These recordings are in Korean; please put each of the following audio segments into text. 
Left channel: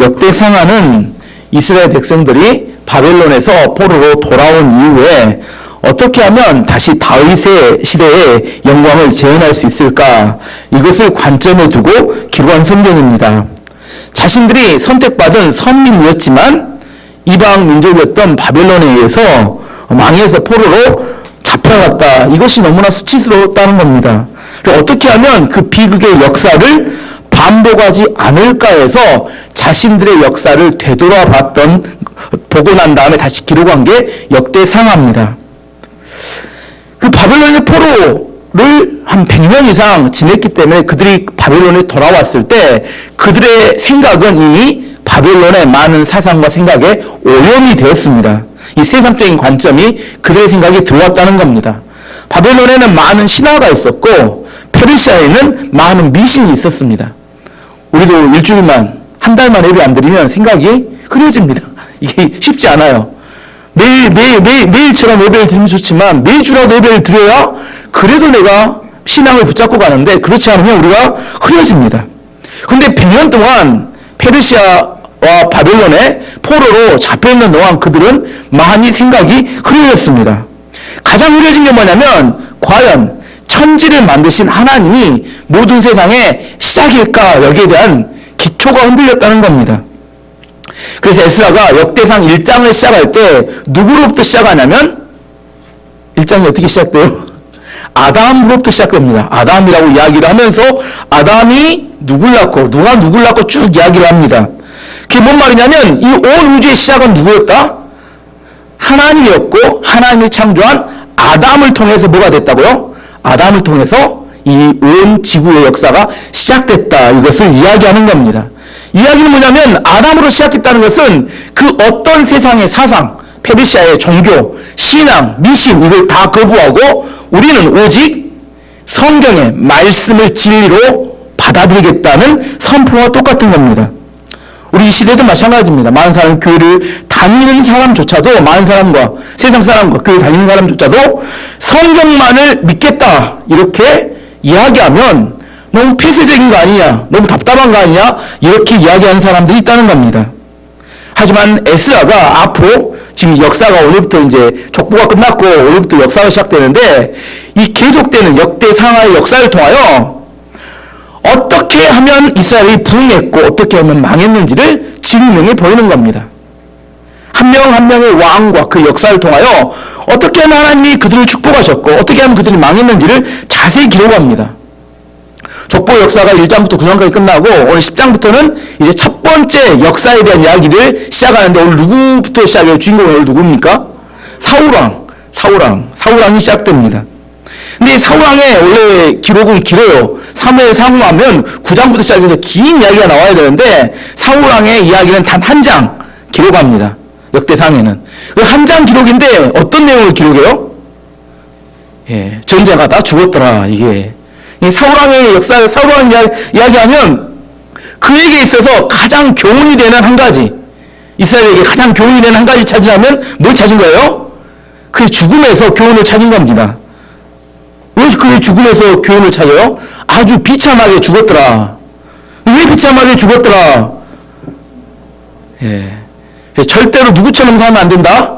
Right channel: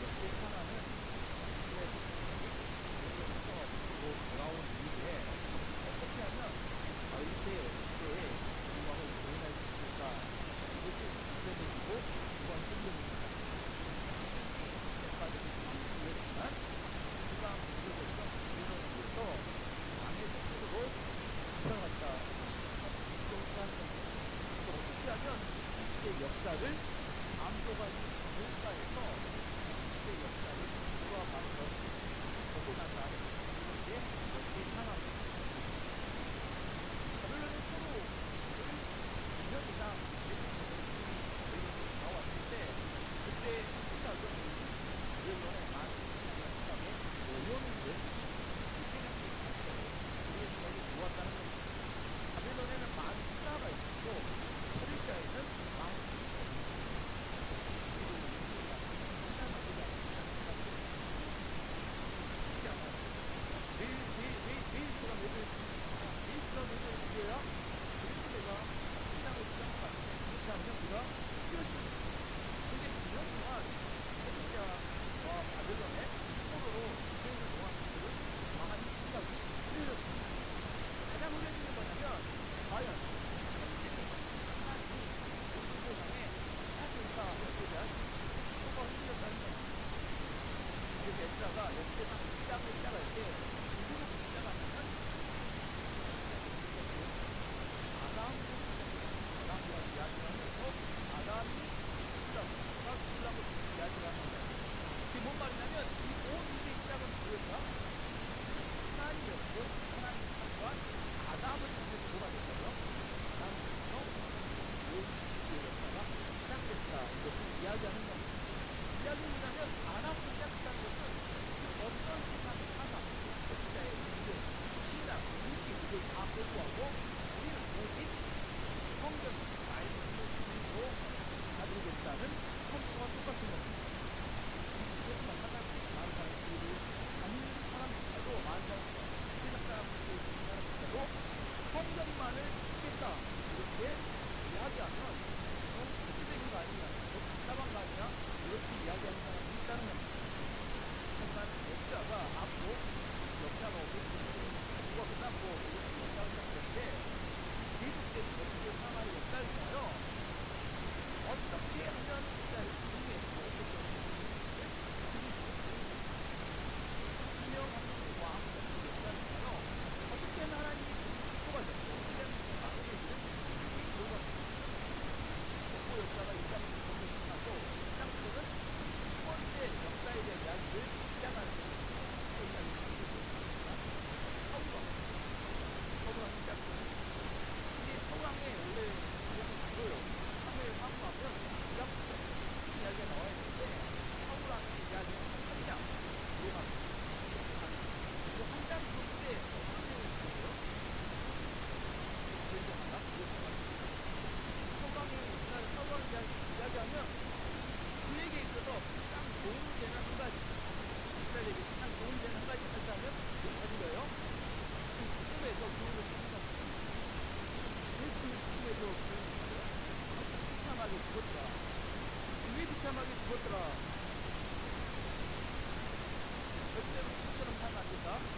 역대상하는 이스라엘 백성들이 바벨론에서 포로로 돌아온 이후에 어떻게 하면 다시 다윗의 시대의 영광을 재현할 수 있을까? 이것을 관점에 두고 기록한 성경입니다. 자신들이 선택받은 선민이었지만 이방 민족이었던 바벨론에 의해서 망해서 포로로 잡혀갔다. 이것이 너무나 수치스러웠다는 겁니다. 어떻게 하면 그 비극의 역사를 반복하지 않을까 해서 자신들의 역사를 보고 난 다음에 다시 기록한 게 역대상하입니다. 그 바벨론의 포로를 한 100년 이상 지냈기 때문에 그들이 바벨론에 돌아왔을 때 그들의 생각은 이미 바벨론의 많은 사상과 생각에 오염이 되었습니다. 이 세상적인 관점이 그들의 생각에 들어왔다는 겁니다. 바벨론에는 많은 신화가 있었고 페르시아에는 많은 미신이 있었습니다. 우리도 일주일만, 한 달만 예배 안 드리면 생각이 흐려집니다. 이게 쉽지 않아요. 매일처럼 예배를 드리면 좋지만 매주라도 예배를 드려야 그래도 내가 신앙을 붙잡고 가는데 그렇지 않으면 우리가 흐려집니다. 그런데 100년 동안 페르시아와 바벨론의 포로로 잡혀있는 동안 그들은 많이 생각이 흐려졌습니다. 가장 흐려진 게 뭐냐면 과연 천지를 만드신 하나님이 모든 세상의 시작일까? 여기에 대한 기초가 흔들렸다는 겁니다. 그래서 에스라가 역대상 1장을 시작할 때 누구로부터 시작하냐면 1장이 어떻게 시작돼요? 아담으로부터 시작됩니다. 아담이라고 이야기를 하면서 아담이 누굴 낳고 누가 누굴 낳고 쭉 이야기를 합니다. 그게 뭔 말이냐면 이 온 우주의 시작은 누구였다? 하나님이었고 하나님이 창조한 아담을 통해서 뭐가 됐다고요? 아담을 통해서 이 온 지구의 역사가 시작됐다. 이것을 이야기하는 겁니다. 이야기는 뭐냐면 아담으로 시작했다는 것은 그 어떤 세상의 사상, 페르시아의 종교, 신앙, 미신 이걸 다 거부하고 우리는 오직 성경의 말씀을 진리로 받아들이겠다는 선포와 똑같은 겁니다. 우리 이 시대도 마찬가지입니다. 많은 사람이 교회를 다니는 사람조차도 많은 사람과 세상 사람과 교회 다니는 사람조차도 성경만을 믿겠다 이렇게 이야기하면 너무 폐쇄적인 거 아니냐, 너무 답답한 거 아니냐 이렇게 이야기하는 사람들이 있다는 겁니다. 하지만 에스라가 앞으로 지금 역사가 오늘부터 이제 족보가 끝났고 오늘부터 역사가 시작되는데 이 계속되는 역대상하의 역사를 통하여 어떻게 하면 이스라엘이 부흥했고 어떻게 하면 망했는지를 증명해 보이는 겁니다. 한 명 한 명의 왕과 그 역사를 통하여 어떻게 하면 하나님이 그들을 축복하셨고 어떻게 하면 그들이 망했는지를 자세히 기록합니다. 족보 역사가 1장부터 9장까지 끝나고 오늘 10장부터는 이제 첫 번째 역사에 대한 이야기를 시작하는데 오늘 누구부터 시작해요? 주인공이 오늘 누굽니까? 사울왕이 시작됩니다. 근데 사울왕의 원래 기록은 길어요. 사무엘 상후하면 9장부터 시작해서 긴 이야기가 나와야 되는데 사울왕의 이야기는 단 한 장 기록합니다. 역대상에는. 그 한 장 기록인데 어떤 내용을 기록해요? 전자가 다 죽었더라. 이게. 사울왕의 역사를 사울왕 이야기하면 그에게 있어서 가장 교훈이 되는 한 가지, 이스라엘에게 가장 교훈이 되는 한 가지 찾으려면 뭘 찾은 거예요? 그의 죽음에서 교훈을 찾은 겁니다. 왜 그의 죽음에서 교훈을 찾아요? 아주 비참하게 죽었더라. 왜 비참하게 죽었더라? 절대로 누구처럼 살면 안 된다?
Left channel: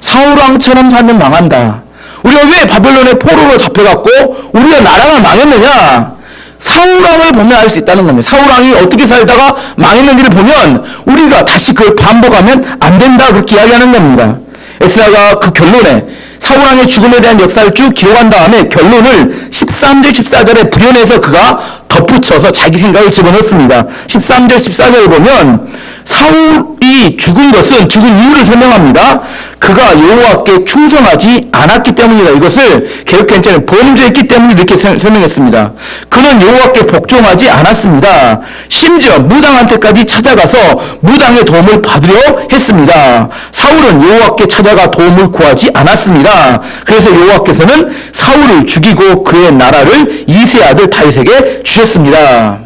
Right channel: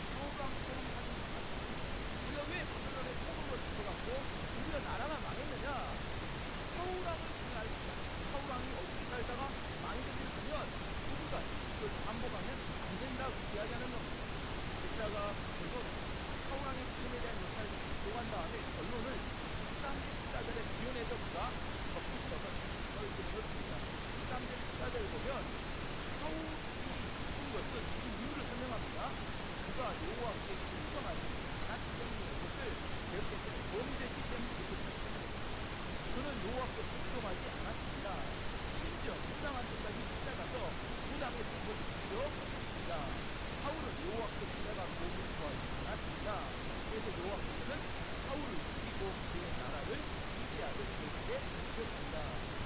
사울왕처럼 살면 망한다. 우리가 왜 바벨론의 포로로 잡혀갔고 우리가 나라가 망했느냐? 사울왕을 보면 알 수 있다는 겁니다. 사울왕이 어떻게 살다가 망했는지를 보면 우리가 다시 그걸 반복하면 안 된다 그렇게 이야기하는 겁니다. 에스라가 그 결론에 사울왕의 죽음에 대한 역사를 쭉 기록한 다음에 결론을 13절 14절에 부연해서 그가 덧붙여서 자기 생각을 집어넣습니다. 13절 14절을 보면 사울이 죽은 이유를 설명합니다. 그가 여호와께 충성하지 않았기 때문이다. 이것을 개역개정자는 범죄했기 때문에 이렇게 설명했습니다. 그는 여호와께 복종하지 않았습니다. 심지어 무당한테까지 찾아가서 무당의 도움을 받으려 했습니다. 사울은 여호와께 찾아가 도움을 구하지 않았습니다. 그래서 여호와께서는 사울을 죽이고 그의 나라를 이새의 아들 다윗에게 주셨습니다.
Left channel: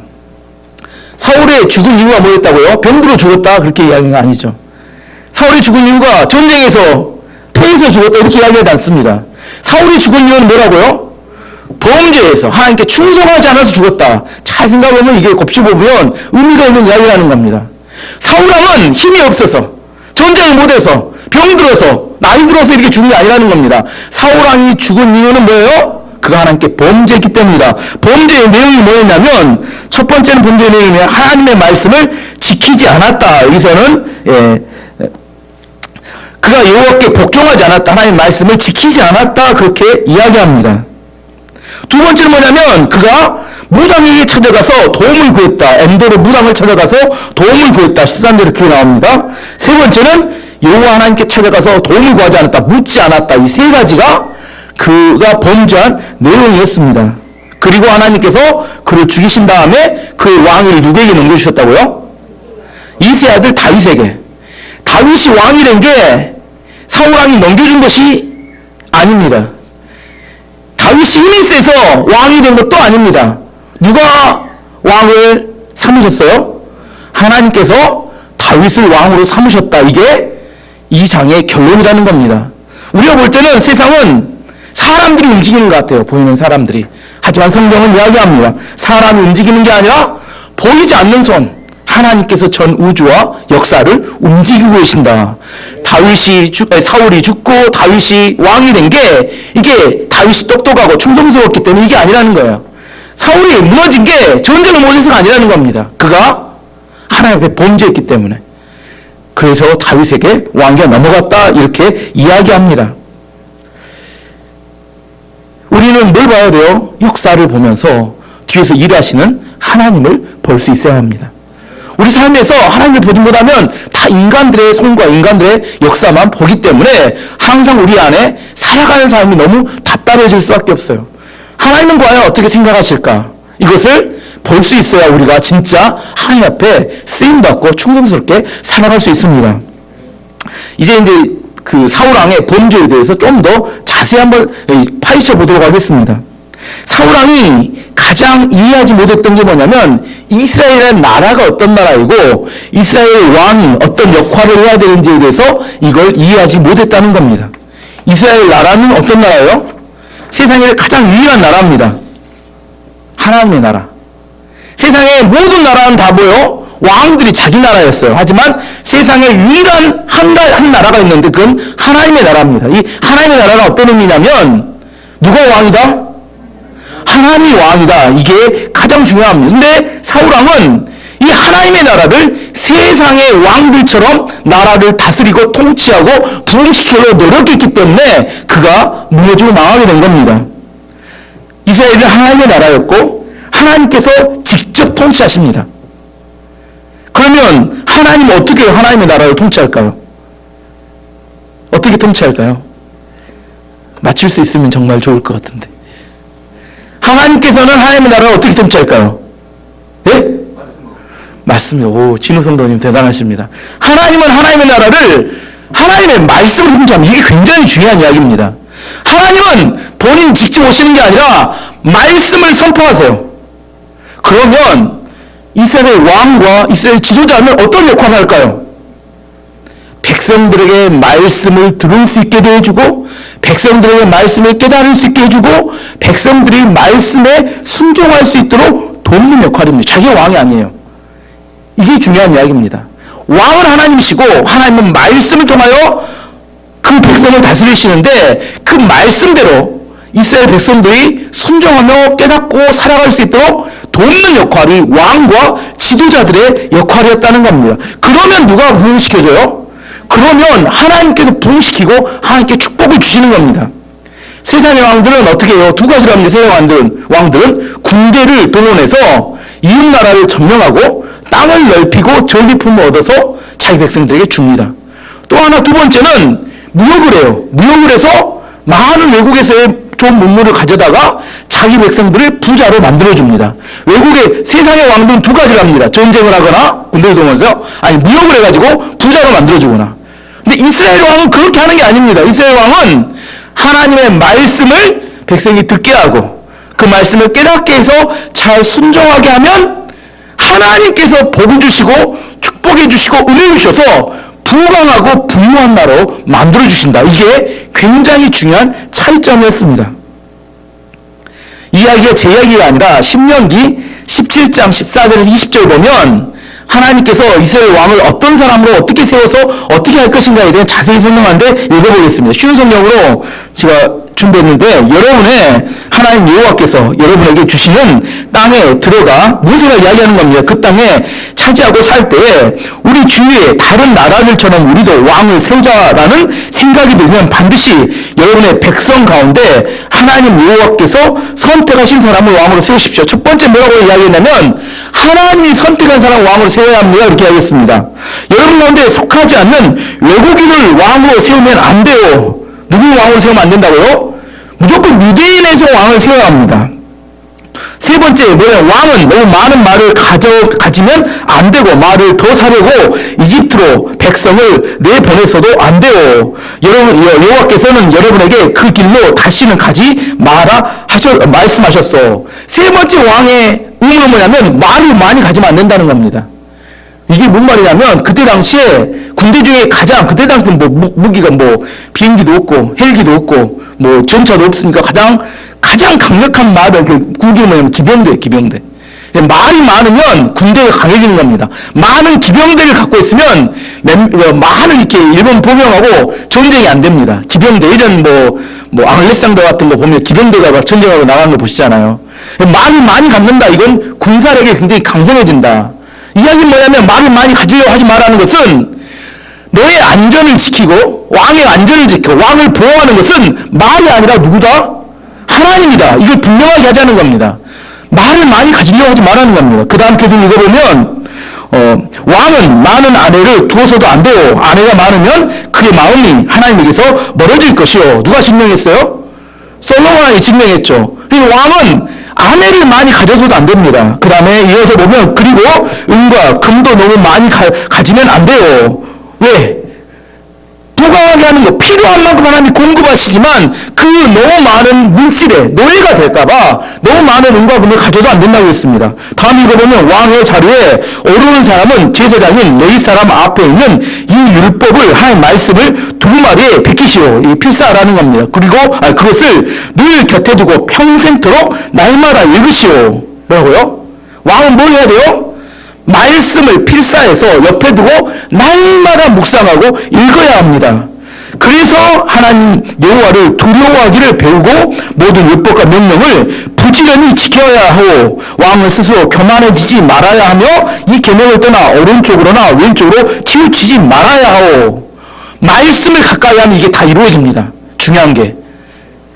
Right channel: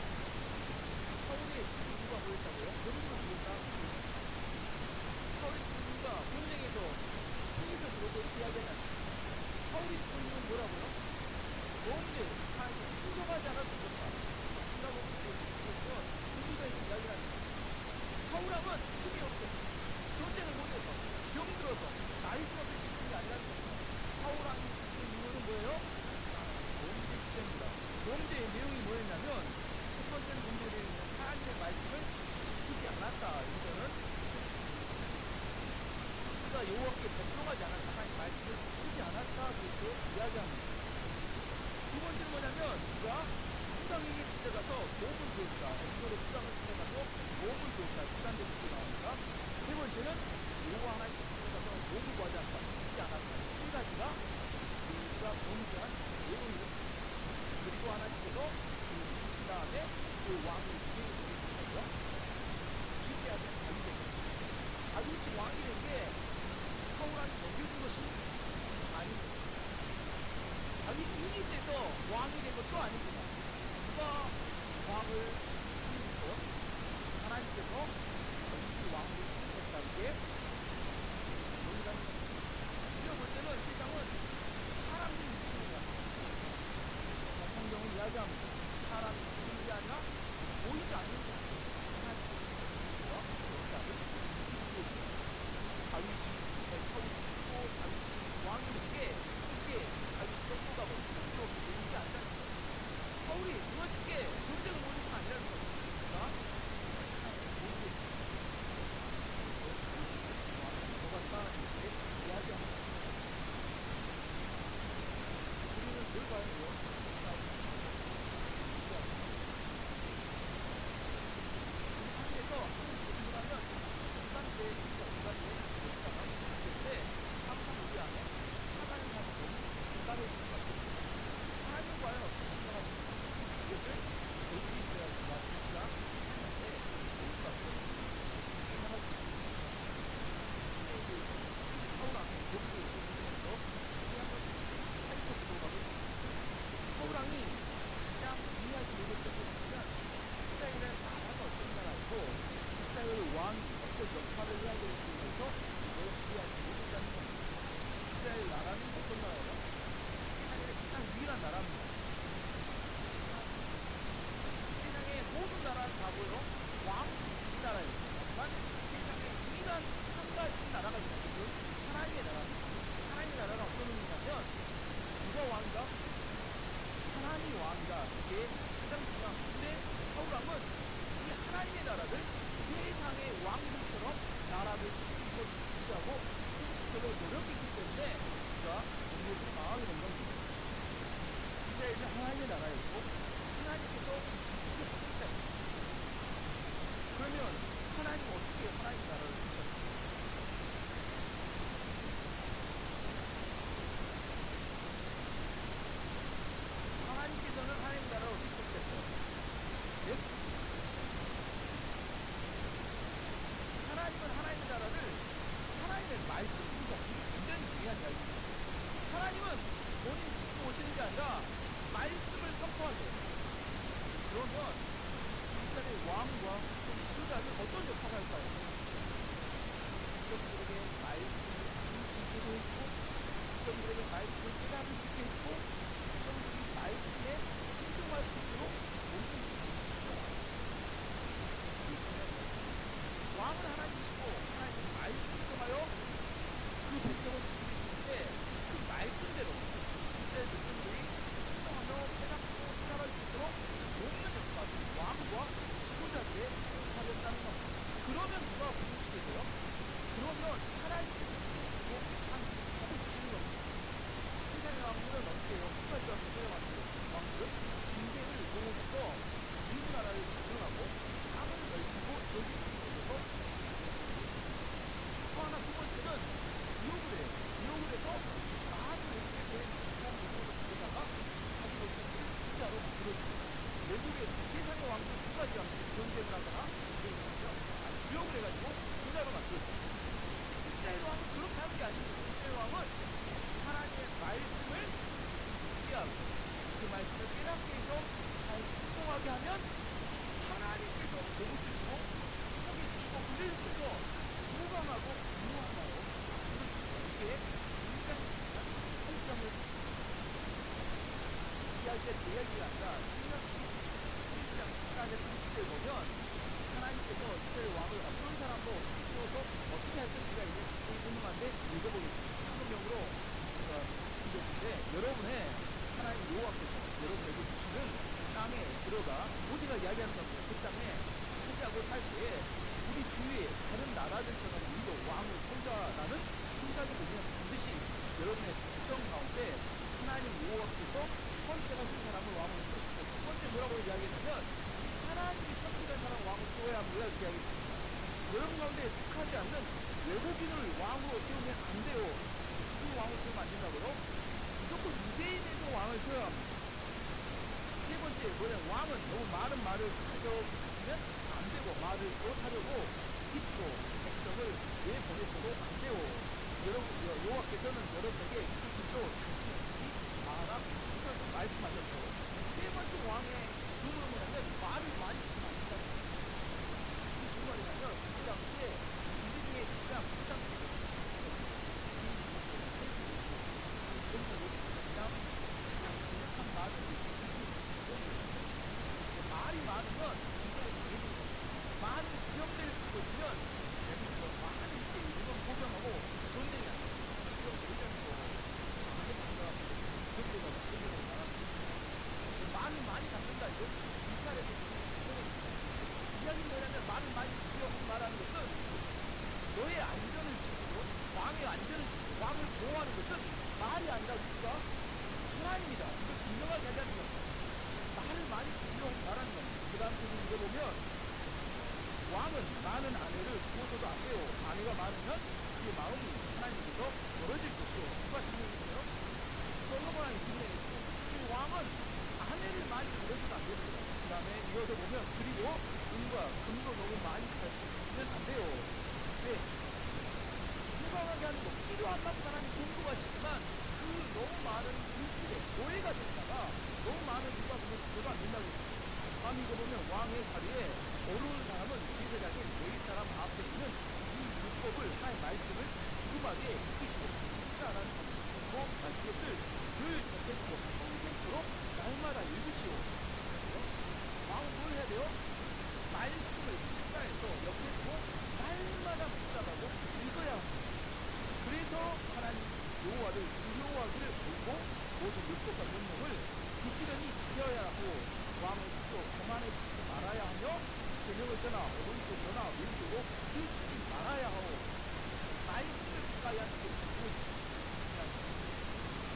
사울의 죽은 이유가 뭐였다고요? 병들어 죽었다 그렇게 이야기는 아니죠. 사울이 죽은 이유가 전쟁에서 패해서 죽었다 이렇게 이야기하지 않습니다. 사울이 죽은 이유는 뭐라고요? 범죄에서 하나님께 충성하지 않아서 죽었다. 잘 생각해보면 이게 곱씹어보면 의미가 있는 이야기라는 겁니다. 사울왕은 힘이 없어서, 전쟁을 못해서, 병들어서, 나이 들어서 이렇게 죽은 게 아니라는 겁니다. 사울왕이 죽은 이유는 뭐예요? 그가 하나님께 범죄했기 때문이다. 범죄의 내용이 뭐였냐면, 첫 번째는 범죄의 내용이 하나님의 말씀을 지키지 않았다. 여기서는 그가 여호와께 복종하지 않았다. 하나님의 말씀을 지키지 않았다. 그렇게 이야기합니다. 두 번째는 뭐냐면, 그가 무당에게 찾아가서 도움을 구했다. 엔도르 무당을 찾아가서 도움을 구했다. 13절에 그렇게 나옵니다. 세 번째는 여호와 하나님께 찾아가서 도움을 구하지 않았다. 묻지 않았다. 이 세 가지가 그가 범죄한 내용이었습니다. 그리고 하나님께서 그를 죽이신 다음에 그 왕위를 누구에게 넘겨주셨다고요? 이세 아들 다윗에게. 다윗이 왕이 된 게 사울왕이 넘겨준 것이 아닙니다. 다윗이 힘이 세서 왕이 된 것도 아닙니다. 누가 왕을 삼으셨어요? 하나님께서 다윗을 왕으로 삼으셨다. 이게 이 장의 결론이라는 겁니다. 우리가 볼 때는 세상은 사람들이 움직이는 것 같아요. 보이는 사람들이. 하지만 성경은 이야기합니다. 사람이 움직이는 게 아니라 보이지 않는 손, 하나님께서 전 우주와 역사를 움직이고 계신다. 사울이 죽고 다윗이 왕이 된 게 이게 다윗이 똑똑하고 충성스러웠기 때문에 이게 아니라는 거예요. 사울이 무너진 게 전쟁을 못해서가 아니라는 겁니다. 그가 하나님 앞에 범죄했기 때문에. 그래서 다윗에게 왕위가 넘어갔다 이렇게 이야기합니다. 우리는 뭘 봐야 돼요? 역사를 보면서 뒤에서 일하시는 하나님을 볼 수 있어야 합니다. 우리 삶에서 하나님을 보지 못하면 다 인간들의 손과 인간들의 역사만 보기 때문에 항상 우리 안에 살아가는 삶이 너무 답답해질 수밖에 없어요. 하나님은 과연 어떻게 생각하실까? 이것을 볼 수 있어야 우리가 진짜 하나님 앞에 쓰임받고 충성스럽게 살아갈 수 있습니다. 이제 그 사울왕의 범죄에 대해서 좀 더 자세히 한번 파헤쳐 보도록 하겠습니다. 사울왕이 가장 이해하지 못했던 게 뭐냐면 이스라엘의 나라가 어떤 나라이고 이스라엘 왕이 어떤 역할을 해야 되는지에 대해서 이걸 이해하지 못했다는 겁니다. 이스라엘 나라는 어떤 나라예요? 세상에 가장 유일한 나라입니다. 하나님의 나라. 세상의 모든 나라는 다 뭐요? 왕들이 자기 나라였어요. 하지만 세상에 유일한 한 나라가 있는데 그건 하나님의 나라입니다. 이 하나님의 나라가 어떤 의미냐면 누가 왕이다? 하나님이 왕이다. 이게 가장 중요합니다. 근데 사울왕은 이 하나님의 나라를 세상의 왕들처럼 나라를 다스리고 통치하고 부흥시키려고 노력했기 때문에 그가 무너지고 망하게 된 겁니다. 이스라엘은 하나님의 나라였고 하나님께서 직접 통치하십니다. 그러면 하나님은 어떻게 하나님의 나라를 통치할까요? 어떻게 통치할까요? 맞출 수 있으면 정말 좋을 것 같은데. 하나님께서는 하나님의 나라를 어떻게 통치할까요? 네? 맞습니다. 오, 진우 성도님 대단하십니다. 하나님은 하나님의 나라를 하나님의 말씀을 통치합니다. 이게 굉장히 중요한 이야기입니다. 하나님은 본인 직접 오시는 게 아니라 말씀을 선포하세요. 그러면 이스라엘 왕과 이스라엘 지도자는 어떤 역할을 할까요? 백성들에게 말씀을 들을 수 있게 해주고 백성들에게 말씀을 깨달을 수 있게 해주고 백성들이 말씀에 순종할 수 있도록 돕는 역할입니다. 자기가 왕이 아니에요. 이게 중요한 이야기입니다. 왕은 하나님이시고 하나님은 말씀을 통하여 그 백성을 다스리시는데 그 말씀대로 이스라엘 백성들이 순종하며 깨닫고 살아갈 수 있도록 돕는 역할이 왕과 지도자들의 역할이었다는 겁니다. 그러면 누가 부흥시켜줘요? 그러면 하나님께서 부흥시키고 하나님께 축복을 주시는 겁니다. 세상의 왕들은 어떻게 해요? 두 가지로 합니다. 세상의 왕들은 군대를 동원해서 이웃나라를 점령하고 땅을 넓히고 전리품을 얻어서 자기 백성들에게 줍니다. 또 하나 두 번째는 무역을 해요. 무역을 해서 많은 외국에서의 좋은 문물을 가져다가 자기 백성들을 부자로 만들어줍니다. 외국의 세상의 왕들은 두 가지를 합니다. 전쟁을 하거나 군대를 동원해서 아니 무역을 해가지고 부자로 만들어주거나. 근데 이스라엘 왕은 그렇게 하는 게 아닙니다. 이스라엘 왕은 하나님의 말씀을 백성이 듣게 하고 그 말씀을 깨닫게 해서 잘 순종하게 하면 하나님께서 복을 주시고 축복해 주시고 은혜 주셔서 부강하고 부유한 나라로 만들어주신다. 이게 굉장히 중요한 차이점이었습니다. 이 이야기가 제 이야기가 아니라 신명기 17장 14절에서 20절 보면 하나님께서 이스라엘 왕을 어떤 사람으로 어떻게 세워서 어떻게 할 것인가에 대해 자세히 설명하는데 읽어보겠습니다. 쉬운 성경으로 제가 준비했는데 여러분의 하나님 여호와께서 여러분에게 주시는 땅에 들어가 모세가 이야기하는 겁니다. 그 땅에 차지하고 살 때에 우리 주위에 다른 나라들처럼 우리도 왕을 세우자라는 생각이 들면 반드시 여러분의 백성 가운데 하나님 여호와께서 선택하신 사람을 왕으로 세우십시오. 첫 번째 뭐라고 이야기했냐면 하나님이 선택한 사람 왕으로 세워야 합니다. 이렇게 하겠습니다. 여러분 가운데 속하지 않는 외국인을 왕으로 세우면 안 돼요. 누구 왕으로 세우면 안 된다고요? 무조건 유대인에서 왕을 세워야 합니다. 세 번째, 왕은 너무 많은 말을 가지면 안 되고 말을 더 사려고 이집트로 백성을 내보냈어도 안 돼요. 여러분, 여호와께서는 여러분에게 그 길로 다시는 가지 마라 말씀하셨어. 세 번째 왕의 의무는 뭐냐면 말을 많이 가지면 안 된다는 겁니다. 이게 뭔 말이냐면 그때 당시에 군대 중에 그때 당시 무기가 비행기도 없고 헬기도 없고 전차도 없으니까 가장 강력한 말은 그게 뭐냐면 기병대. 말이 많으면 군대가 강해지는 겁니다. 많은 기병대를 갖고 있으면 많은 이렇게 일본 보병하고 전쟁이 안 됩니다. 기병대 예전 앙레상도 같은 거 보면 기병대가 막 전쟁하고 나가는 거 보시잖아요. 말이 많이 갖는다. 이건 군사력이 굉장히 강성해진다. 이야기는 뭐냐면 말을 많이 가지려고 하지 말라는 것은 너의 안전을 지키고 왕의 안전을 지키고 왕을 보호하는 것은 말이 아니라 누구다? 하나님이다. 이걸 분명하게 하자는 겁니다. 말을 많이 가지려고 하지 말라는 겁니다. 그 다음 계속 읽어보면 왕은 많은 아내를 두어서도 안 돼요. 아내가 많으면 그의 마음이 하나님에게서 멀어질 것이요. 누가 증명했어요? 솔로몬이 증명했죠. 그리고 왕은 아내를 많이 가져서도 안 됩니다. 그 다음에 이어서 보면 그리고 은과 금도 너무 많이 가지면 안 돼요. 왜? 부강하게 하는 거 필요한 만큼 하나님이 공급하시지만 그 너무 많은 물질에 노예가 될까봐 너무 많은 은과 금을 가져도 안 된다고 했습니다. 다음 읽어보면 왕의 자리에 오르는 사람은 제사장인 레위 사람 앞에 있는 이 율법을 하나님 말씀을 두루마리에 베끼시오. 이 필사라는 겁니다. 그리고 그것을 늘 곁에 두고 평생토록 날마다 읽으시오. 뭐라고요? 왕은 뭘 해야 돼요? 말씀을 필사해서 옆에 두고 날마다 묵상하고 읽어야 합니다. 그래서 하나님 여호와를 두려워하기를 배우고 모든 율법과 명령을 부지런히 지켜야 하고 왕은 스스로 교만해지지 말아야 하며 이 계명을 떠나 오른쪽으로나 왼쪽으로 치우치지 말아야 하고 말씀을 가까이 하면 이게 다 이루어집니다. 중요한 게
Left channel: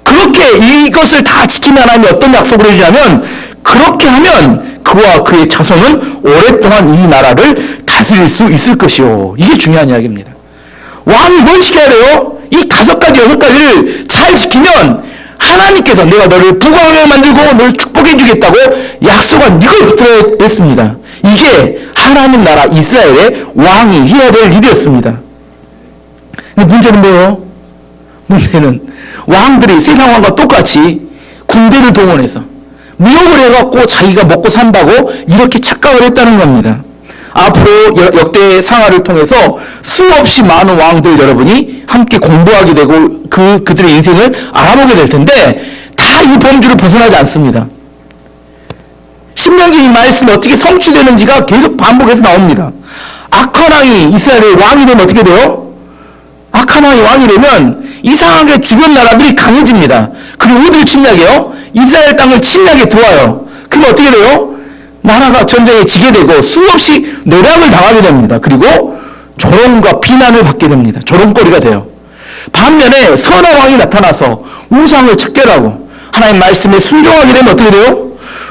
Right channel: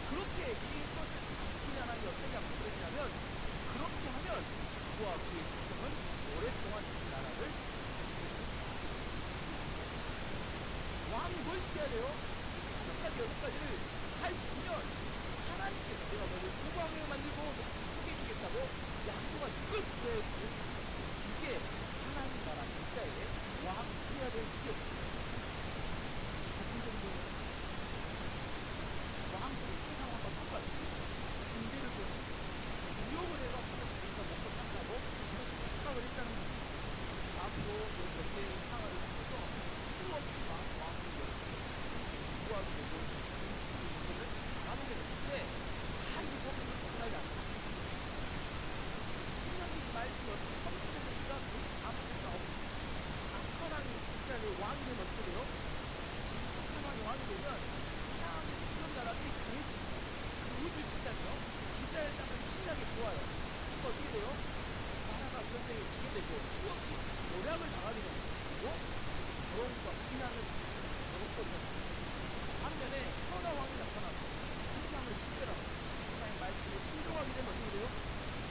그렇게 이것을 다 지키면 하나님이 어떤 약속을 해주냐면 그렇게 하면 그와 그의 자손은 오랫동안 이 나라를 다스릴 수 있을 것이요. 이게 중요한 이야기입니다. 왕이 뭘 지켜야 돼요? 이 5가지, 6가지를 잘 지키면 하나님께서 내가 너를 부강하게 만들고 너를 축복해 주겠다고 약속한 이걸 붙들어야 했습니다. 이게 하나님 나라 이스라엘의 왕이 해야 될 일이었습니다. 근데 문제는 뭐예요? 문제는 왕들이 세상 왕과 똑같이 군대를 동원해서 무역을 해갖고 자기가 먹고 산다고 이렇게 착각을 했다는 겁니다. 앞으로 역대 상하를 통해서 수없이 많은 왕들 여러분이 함께 공부하게 되고 그들의 인생을 알아보게 될 텐데 다 이 범주를 벗어나지 않습니다. 신명기 이 말씀이 어떻게 성취되는지가 계속 반복해서 나옵니다. 악한 왕이 이스라엘의 왕이 되면 어떻게 돼요? 악한 왕이 왕이 되면 이상하게 주변 나라들이 강해집니다. 그리고 어디를 침략해요? 이스라엘 땅을 침략해 들어와요. 그럼 어떻게 돼요? 나라가 전쟁에 지게 되고 수없이 노략을 당하게 됩니다. 그리고 조롱과 비난을 받게 됩니다. 조롱거리가 돼요. 반면에 선한 왕이 나타나서 우상을 척결하고 하나님 말씀에 순종하게 되면 어떻게 돼요?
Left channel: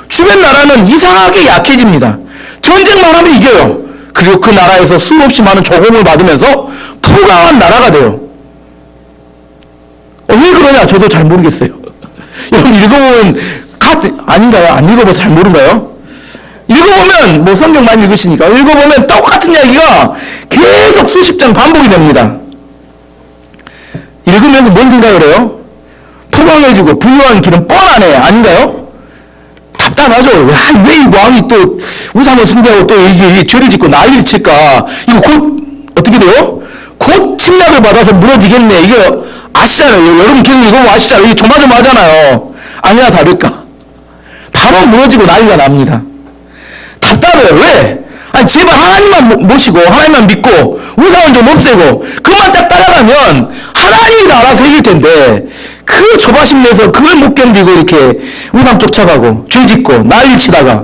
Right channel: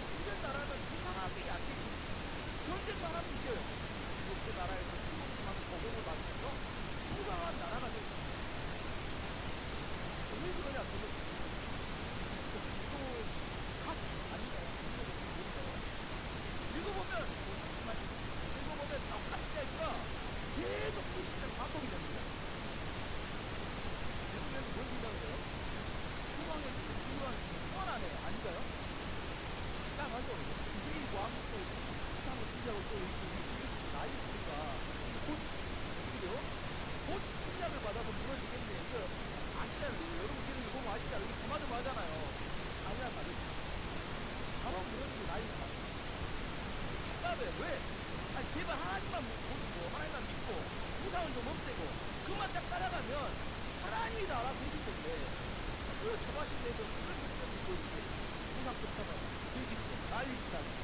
주변 나라는 이상하게 약해집니다. 전쟁만 하면 이겨요. 그리고 그 나라에서 수없이 많은 조공을 받으면서 부강한 나라가 돼요. 왜 그러냐? 저도 잘 모르겠어요. 여러분 읽어보면 아닌가요? 안 읽어봐서 잘 모른가요? 읽어보면 성경 많이 읽으시니까 읽어보면 똑같은 이야기가 계속 수십 장 반복이 됩니다. 읽으면서 뭔 생각을 해요? 포방해주고 부유한 길은 뻔하네. 아닌가요? 답답하죠. 왜 이 왕이 또 우상을 숭배하고 또 이게 죄를 짓고 난리를 칠까? 이거 곧 어떻게 돼요? 곧 침략을 받아서 무너지겠네. 이게 아시잖아요. 여러분 계속 읽어보면 아시잖아요. 이게 조마조마하잖아요. 아니나 다를까? 바로 무너지고 난리가 납니다. 답답해요. 왜? 아니, 제발 하나님만 모시고, 하나님만 믿고, 우상은 좀 없애고, 그만 딱 따라가면 하나님이 다 알아서 해줄 텐데, 그 조바심 내서 그걸 못 견디고 이렇게 우상 쫓아가고, 죄 짓고, 난리 치다가,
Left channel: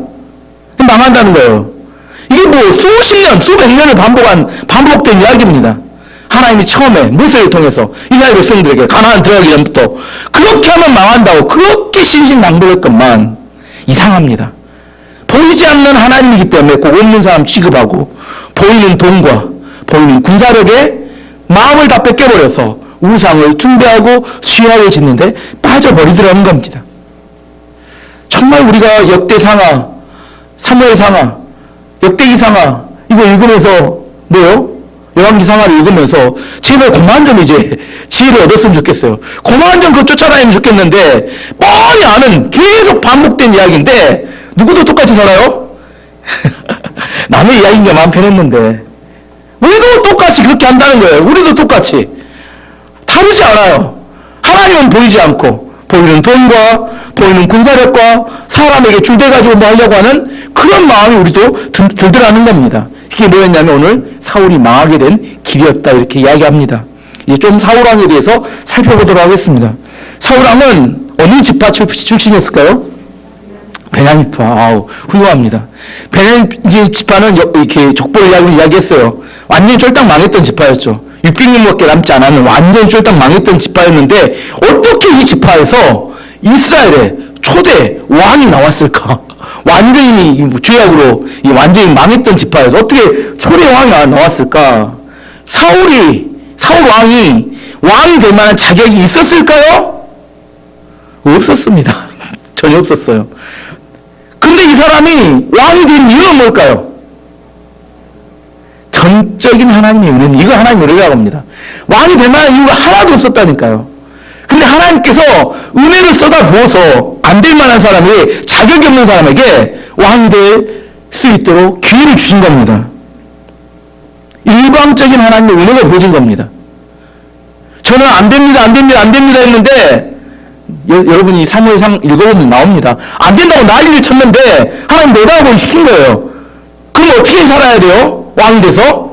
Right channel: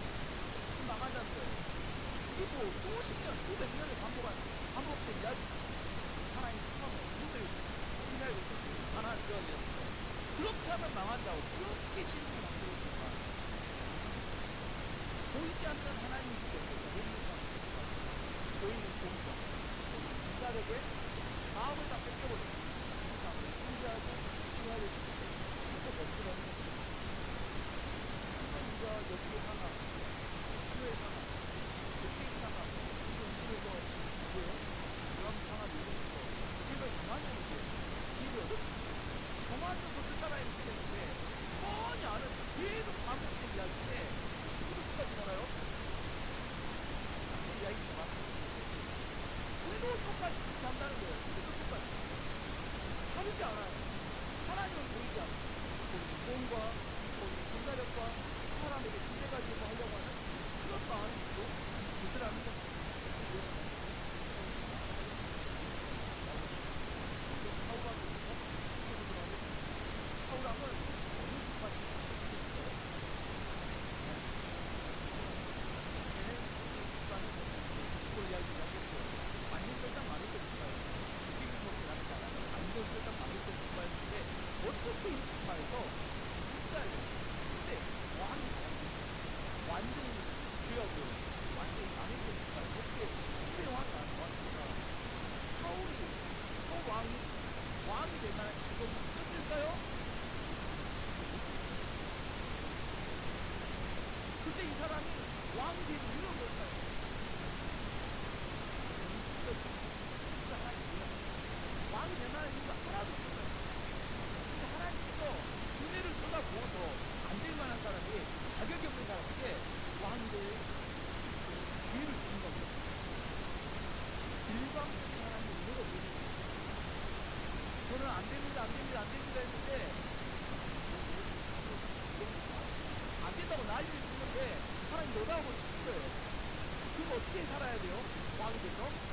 망한다는 거예요. 이게 뭐 수십 년, 수백 년을 반복된 이야기입니다. 하나님이 처음에 모세를 통해서 이스라엘 백성들에게 가나안 들어가기 전부터 그렇게 하면 망한다고 그렇게 신신당부했건만 이상합니다. 보이지 않는 하나님이기 때문에 꼭 없는 사람 취급하고 보이는 돈과 보이는 군사력에 마음을 다 뺏겨버려서 우상을 숭배하고 수요하게 짓는데 빠져버리더라는 겁니다. 정말 우리가 역대상하, 사무엘상하, 역대기상하 이거 읽으면서 뭐요? 열왕기상하를 읽으면서 제발 그만 좀 이제 지혜를 얻었으면 좋겠어요. 그만 좀 그거 쫓아다니면 좋겠는데 뻔히 아는 계속 반복된 이야기인데 누구도 똑같이 살아요? 남의 이야기인가 마음 편했는데 우리도 똑같이 그렇게 한다는 거예요. 우리도 똑같이 다르지 않아요. 하나님은 보이지 않고 보이는 돈과 보이는 군사력과 사람에게 줄대가지고 뭐 하려고 하는 그런 마음이 우리도 들더라는 겁니다. 이게 뭐였냐면 오늘 사울이 망하게 된 길이었다 이렇게 이야기합니다. 이제 좀 사울왕에 대해서 살펴보도록 하겠습니다. 사울왕은 어느 지파 출신이었을까요? 베냐민파. 아우, 훌륭합니다. 베냐민 지파는 이렇게 족보 이야기를 이야기했어요. 완전히 쫄딱 망했던 지파였죠. 600년밖에 남지 않았는 완전히 쫄딱 망했던 지파였는데 어떻게 이 지파에서 이스라엘의 초대 왕이 나왔을까? 완전히 죄악으로 완전히 망했던 지파에서 어떻게 초대 왕이 나왔을까? 사울 왕이 될 만한 자격이 있었을까요? 없었습니다. 전혀 없었어요. 근데 이 사람이 왕이 된 이유는 뭘까요? 전적인 하나님의 은혜입니다. 이거 하나님의 은혜라고 합니다. 왕이 될 만한 이유가 하나도 없었다니까요. 근데 하나님께서 은혜를 쏟아부어서 안 될 만한 사람이 자격이 없는 사람에게 왕이 될 수 있도록 기회를 주신 겁니다. 일방적인 하나님의 은혜가 부어진 겁니다. 저는 안 됩니다 했는데 여러분이 사무엘상 읽어보면 나옵니다. 안 된다고 난리를 쳤는데 하나님 내다보고 시킨 거예요. 그럼 어떻게 살아야 돼요? 왕이 돼서?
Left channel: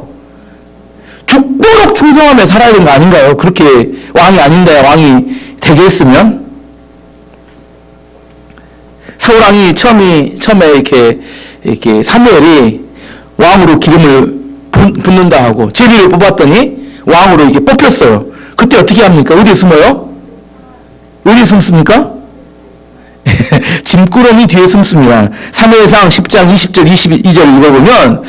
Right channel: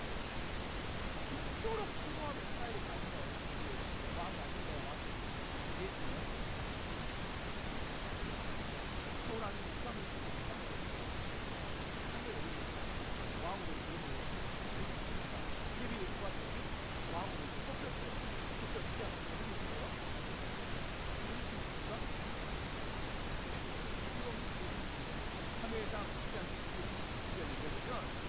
죽도록 충성하며 살아야 되는 거 아닌가요? 그렇게 왕이 아닌데 왕이 되게 했으면? 사울왕이 처음에 이렇게 사무엘이 왕으로 기름을 붓는다 하고 제비를 뽑았더니 왕으로 이렇게 뽑혔어요. 그때 어떻게 합니까? 어디에 숨어요? 어디에 숨습니까? 짐꾸러미 뒤에 숨습니다. 사무엘상 10장 20절 22절 읽어보면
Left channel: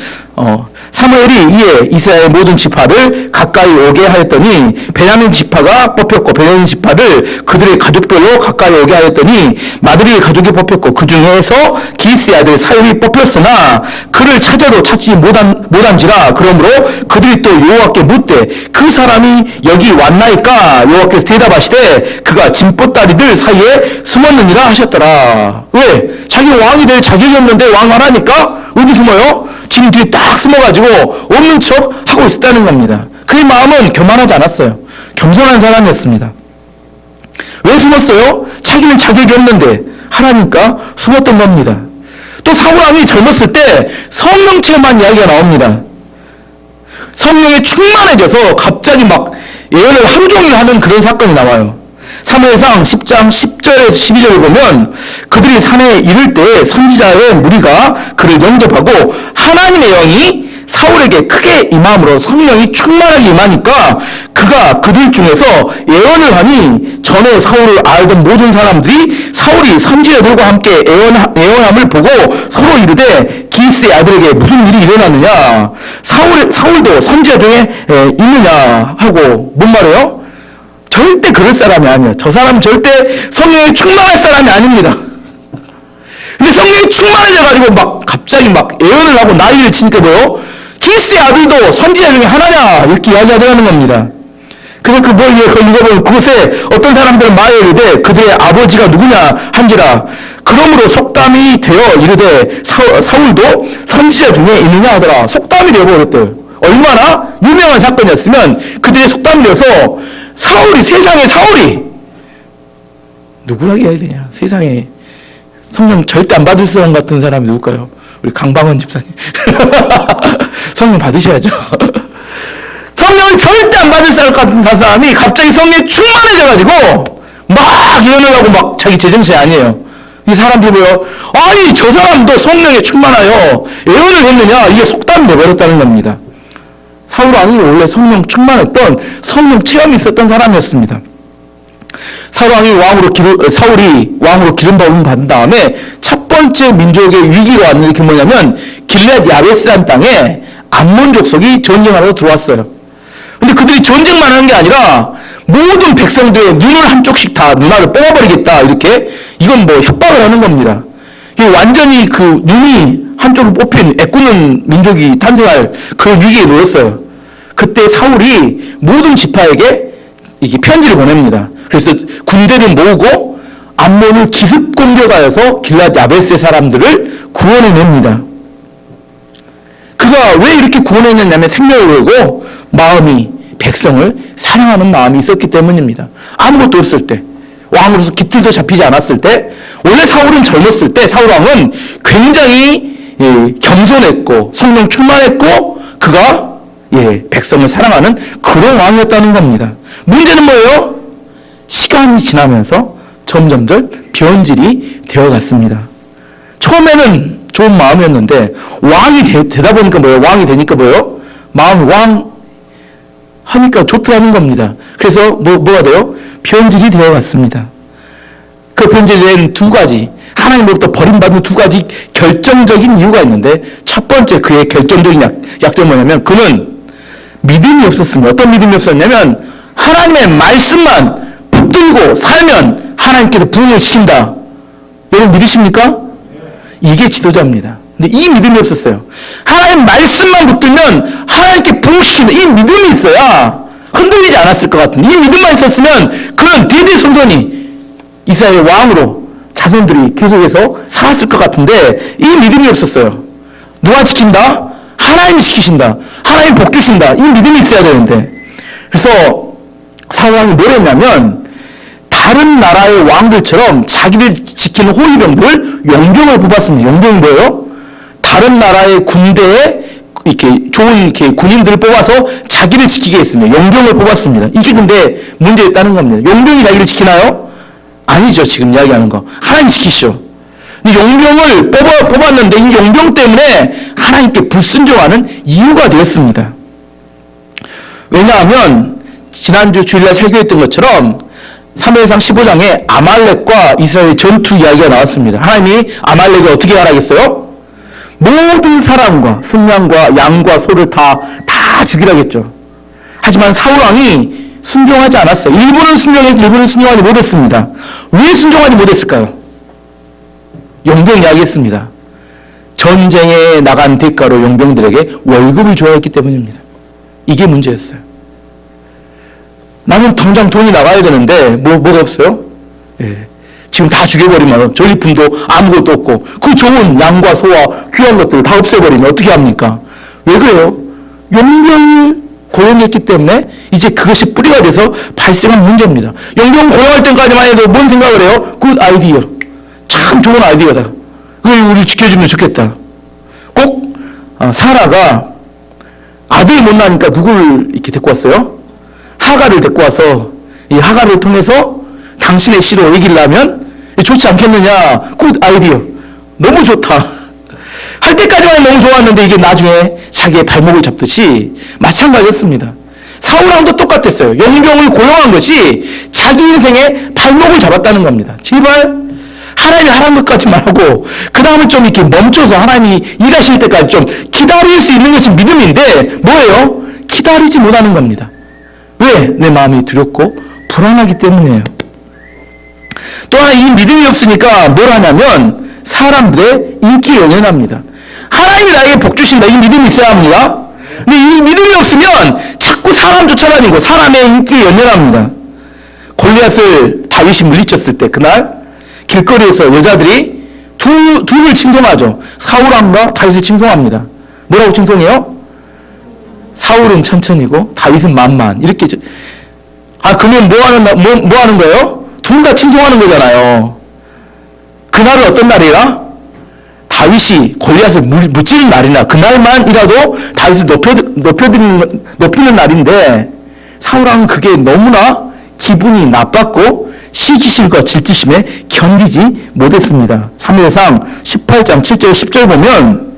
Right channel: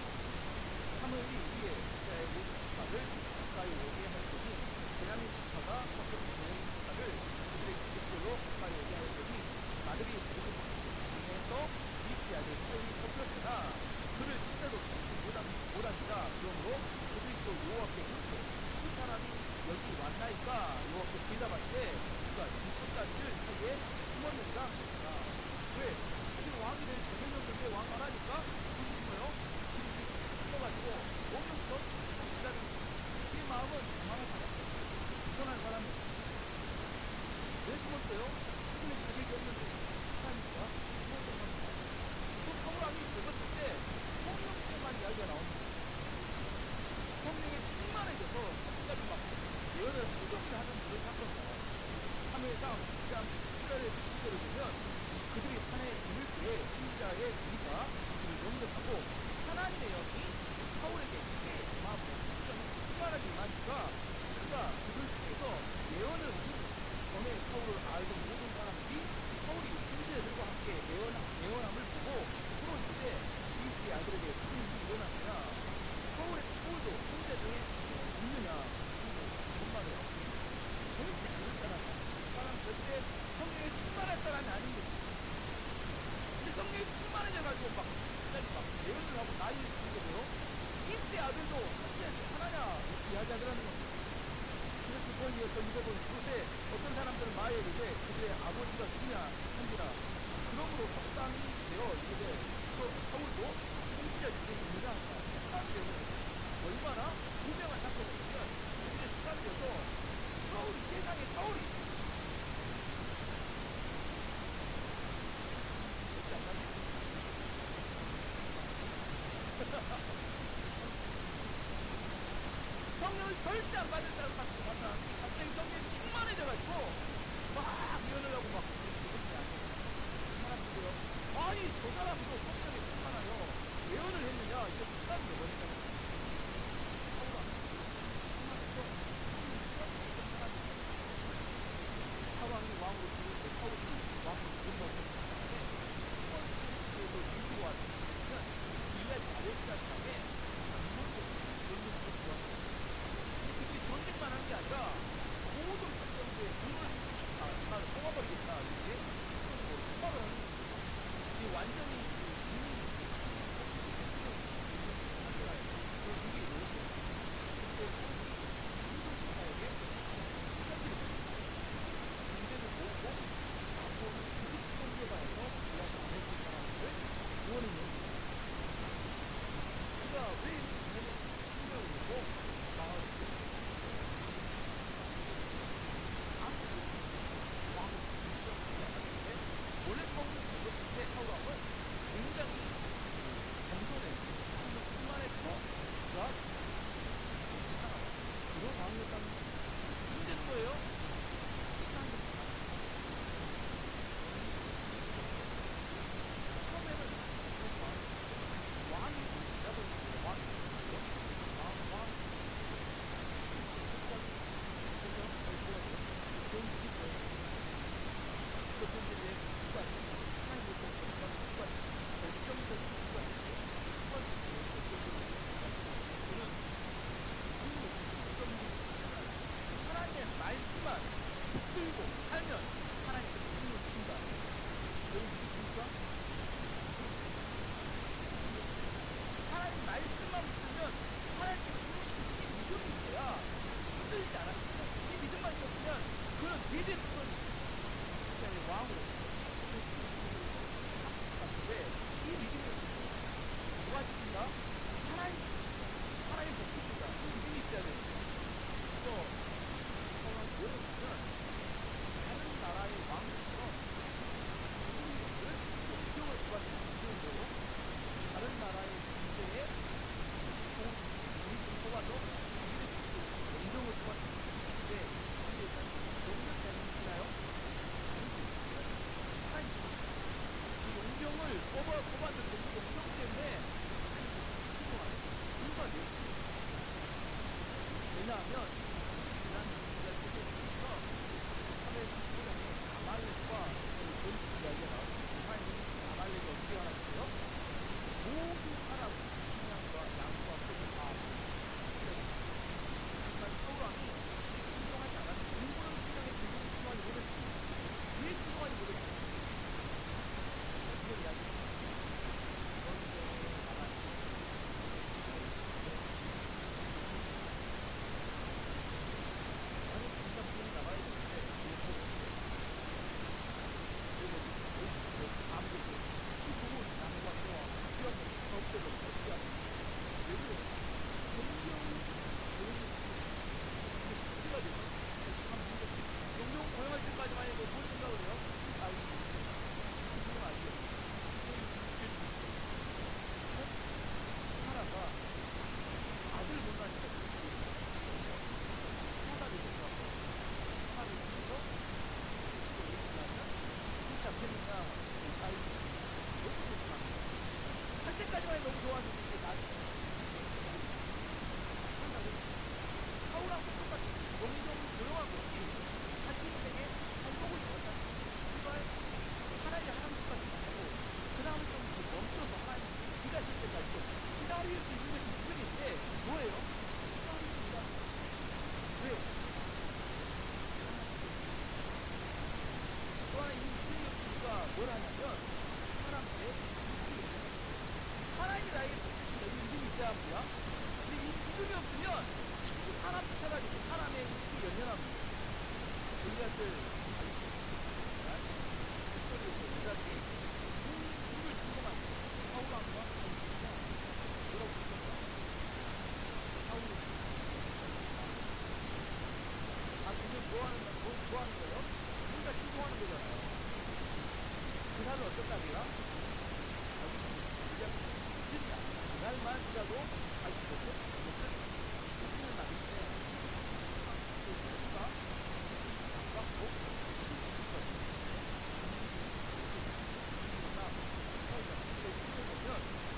사무엘이 이에 이스라엘 모든 지파를 가까이 오게 하였더니 베냐민 지파가 뽑혔고 베냐민 지파를 그들의 가족별로 가까이 오게 하였더니 마드리의 가족이 뽑혔고 그 중에서 기스의 아들 사울이 뽑혔으나 그를 찾아도 찾지 못한지라. 그러므로 그들이 또 여호와께 묻되 그 사람이 여기 왔나이까? 여호와께서 대답하시되 그가 짐보따리들 사이에 숨었느니라 하셨더라. 왜? 자기 왕이 될 자격이 없는데 왕 하라니까 어디 숨어요? 지금 뒤에 딱 숨어가지고 없는 척 하고 있었다는 겁니다. 그의 마음은 교만하지 않았어요. 겸손한 사람이었습니다. 왜 숨었어요? 자기는 자격이 없는데 하라니까 숨었던 겁니다. 또 사울왕이 젊었을 때 성령 체험한 이야기가 나옵니다. 성령에 충만해져서 갑자기 막 예언을 하루 종일 하는 그런 사건이 나와요. 사무엘상 10장 10절에서 12절을 보면 그들이 산에 이를 때 선지자의 무리가 그를 영접하고 하나님의 영이 사울에게 크게 임함으로 성령이 충만하게 임하니까 그가 그들 중에서 예언을 하니 전에 사울을 알던 모든 사람들이 사울이 선지자들과 함께 예언함을 보고 서로 이르되 기스의 아들에게 무슨 일이 일어났느냐? 사울도 선지자 중에 있느냐? 하고 뭔 말이에요? 절대 그럴 사람이 아니에요. 저 사람 절대 성령에 충만할 사람이 아닙니다. 근데 성령이 충만해져가지고 막 갑자기 막 예언을 하고 난리를 치니까 뭐요? 기스의 아들도 선지자 중에 하나냐? 이렇게 이야기하더라는 겁니다. 그래서 그 뭘 읽어보면 그곳에 어떤 사람들은 말에 이르되 그들의 아버지가 누구냐 한지라. 그러므로 속담이 되어 이르되 사울도 선지자 중에 있느냐 하더라. 속담이 되어버렸대요. 얼마나 유명한 사건이었으면 그들의 속담이 되어서 세상에 사울이 누구라고 해야 되냐? 세상에 성령 절대 안 받을 사람 같은 사람이 누굴까요? 우리 강방원 집사님. 성령 받으셔야죠. 성령을 절대 안 받을 것 같은 사람이 갑자기 성령에 충만해져가지고 막 예언을 하고 막 자기 제정신이 아니에요. 이 사람들이 뭐요? 아니 저 사람도 성령에 충만하여 예언을 했느냐? 이게 속담이 돼버렸다는 겁니다. 사울 왕이 원래 성령 충만했던 성령 체험이 있었던 사람이었습니다. 사울이 왕으로 기름 부음을 받은 다음에 첫 번째 민족의 위기가 왔는데 그게 뭐냐면 길앗 야베스라는 땅에 암몬 족속이 전쟁하러 들어왔어요. 근데 그들이 전쟁만 하는 게 아니라 모든 백성들의 눈을 한쪽씩 다 눈알을 뽑아버리겠다 이렇게 이건 뭐 협박을 하는 겁니다. 이게 완전히 그 눈이 한쪽으로 뽑힌 애꾸는 민족이 탄생할 그런 위기에 놓였어요. 그때 사울이 모든 지파에게 이게 편지를 보냅니다. 그래서 군대를 모으고 암몬을 기습 공격하여서 길앗 야베스의 사람들을 구원해냅니다. 그가 왜 이렇게 구원해냈냐면 생명을 걸고 마음이 백성을 사랑하는 마음이 있었기 때문입니다. 아무것도 없을 때, 왕으로서 깃들도 잡히지 않았을 때, 원래 사울은 젊었을 때 사울왕은 굉장히 겸손했고 성령 충만했고 그가 백성을 사랑하는 그런 왕이었다는 겁니다. 문제는 뭐예요? 시간이 지나면서 점점점 변질이 되어갔습니다. 처음에는 좋은 마음이었는데 왕이 되다 보니까 뭐예요? 왕이 되니까 뭐예요? 마음이 왕 하니까 좋더라는 겁니다. 그래서 뭐가 돼요? 변질이 되어갔습니다. 그 변질된 두 가지, 하나님으로부터 버림받는 두 가지 결정적인 이유가 있는데 첫 번째 그의 결정적인 약점은 뭐냐면 그는 믿음이 없었습니다. 어떤 믿음이 없었냐면 하나님의 말씀만 붙들고 살면 하나님께서 부흥을 시킨다. 여러분 믿으십니까? 이게 지도자입니다. 근데 이 믿음이 없었어요. 하나님 말씀만 붙들면 하나님께 부흥시키는 이 믿음이 있어야 흔들리지 않았을 것 같은 이 믿음만 있었으면 그는 대대손손이 이스라엘 왕으로 자손들이 계속해서 살았을 것 같은데 이 믿음이 없었어요. 누가 지킨다? 하나님이 지키신다. 하나님 복 주신다. 이 믿음이 있어야 되는데 그래서 사울왕이 뭘 했냐면 다른 나라의 왕들처럼 자기를 지키는 호위병들을 용병을 뽑았습니다. 용병이 뭐예요? 다른 나라의 군대에 이렇게 좋은 이렇게 군인들을 뽑아서 자기를 지키게 했습니다. 용병을 뽑았습니다. 이게 근데 문제였다는 겁니다. 용병이 자기를 지키나요? 아니죠. 지금 이야기하는 거. 하나님 지키시죠. 용병을 뽑았는데 이 용병 때문에 하나님께 불순종하는 이유가 되었습니다. 왜냐하면 지난주 주일날 설교했던 것처럼 사무엘상 15장에 아말렉과 이스라엘의 전투 이야기가 나왔습니다. 하나님이 아말렉을 어떻게 하라겠어요? 모든 사람과 순양과 양과 소를 다 죽이라겠죠. 하지만 사울왕이 순종하지 않았어요. 일부는 순종했고 일부는 순종하지 못했습니다. 왜 순종하지 못했을까요? 용병 이야기했습니다. 전쟁에 나간 대가로 용병들에게 월급을 줘야 했기 때문입니다. 이게 문제였어요. 나는 당장 돈이 나가야 되는데 뭐가 없어요? 지금 다 죽여버리면 전리품도 아무것도 없고 그 좋은 양과 소와 귀한 것들을 다 없애버리면 어떻게 합니까? 왜 그래요? 용병을 고용했기 때문에 이제 그것이 뿌리가 돼서 발생한 문제입니다. 용병 고용할 때까지만 해도 뭔 생각을 해요? 굿 아이디어. 참 좋은 아이디어다. 그걸 우리 지켜주면 좋겠다. 꼭 사라가 아들이 못 나니까 누구를 이렇게 데리고 왔어요? 하가를 데리고 와서 이 하가를 통해서 당신의 씨로 얘기를 하면 좋지 않겠느냐. 굿 아이디어. 너무 좋다. 할 때까지만 너무 좋았는데 이게 나중에 자기의 발목을 잡듯이 마찬가지였습니다. 사울왕도 똑같았어요. 용병을 고용한 것이 자기 인생의 발목을 잡았다는 겁니다. 제발 하나님이 하라는 것까지만 하고 그 다음에 좀 이렇게 멈춰서 하나님이 일하실 때까지 좀 기다릴 수 있는 것이 믿음인데 뭐예요? 기다리지 못하는 겁니다. 왜? 내 마음이 두렵고 불안하기 때문이에요. 또 하나 이 믿음이 없으니까 뭘 하냐면 사람들의 인기 연연합니다. 하나님이 나에게 복 주신다. 이 믿음이 있어야 합니다. 근데 이 믿음이 없으면 자꾸 사람 쫓아다니고 사람의 인기에 연연합니다. 골리앗을 다윗이 물리쳤을 때 그날 길거리에서 여자들이 둘을 칭송하죠. 사울왕과 다윗을 칭송합니다. 뭐라고 칭송해요? 사울은 천천히고 다윗은 만만. 이렇게. 그러면 뭐 하는 거예요? 둘 다 칭송하는 거잖아요. 그날은 어떤 날이라? 다윗이 골리앗을 무찌른 날이나 그날만이라도 다윗을 높이는 날인데 사울왕은 그게 너무나 기분이 나빴고 시기심과 질투심에 견디지 못했습니다. 사무엘상 18장 7절 10절 보면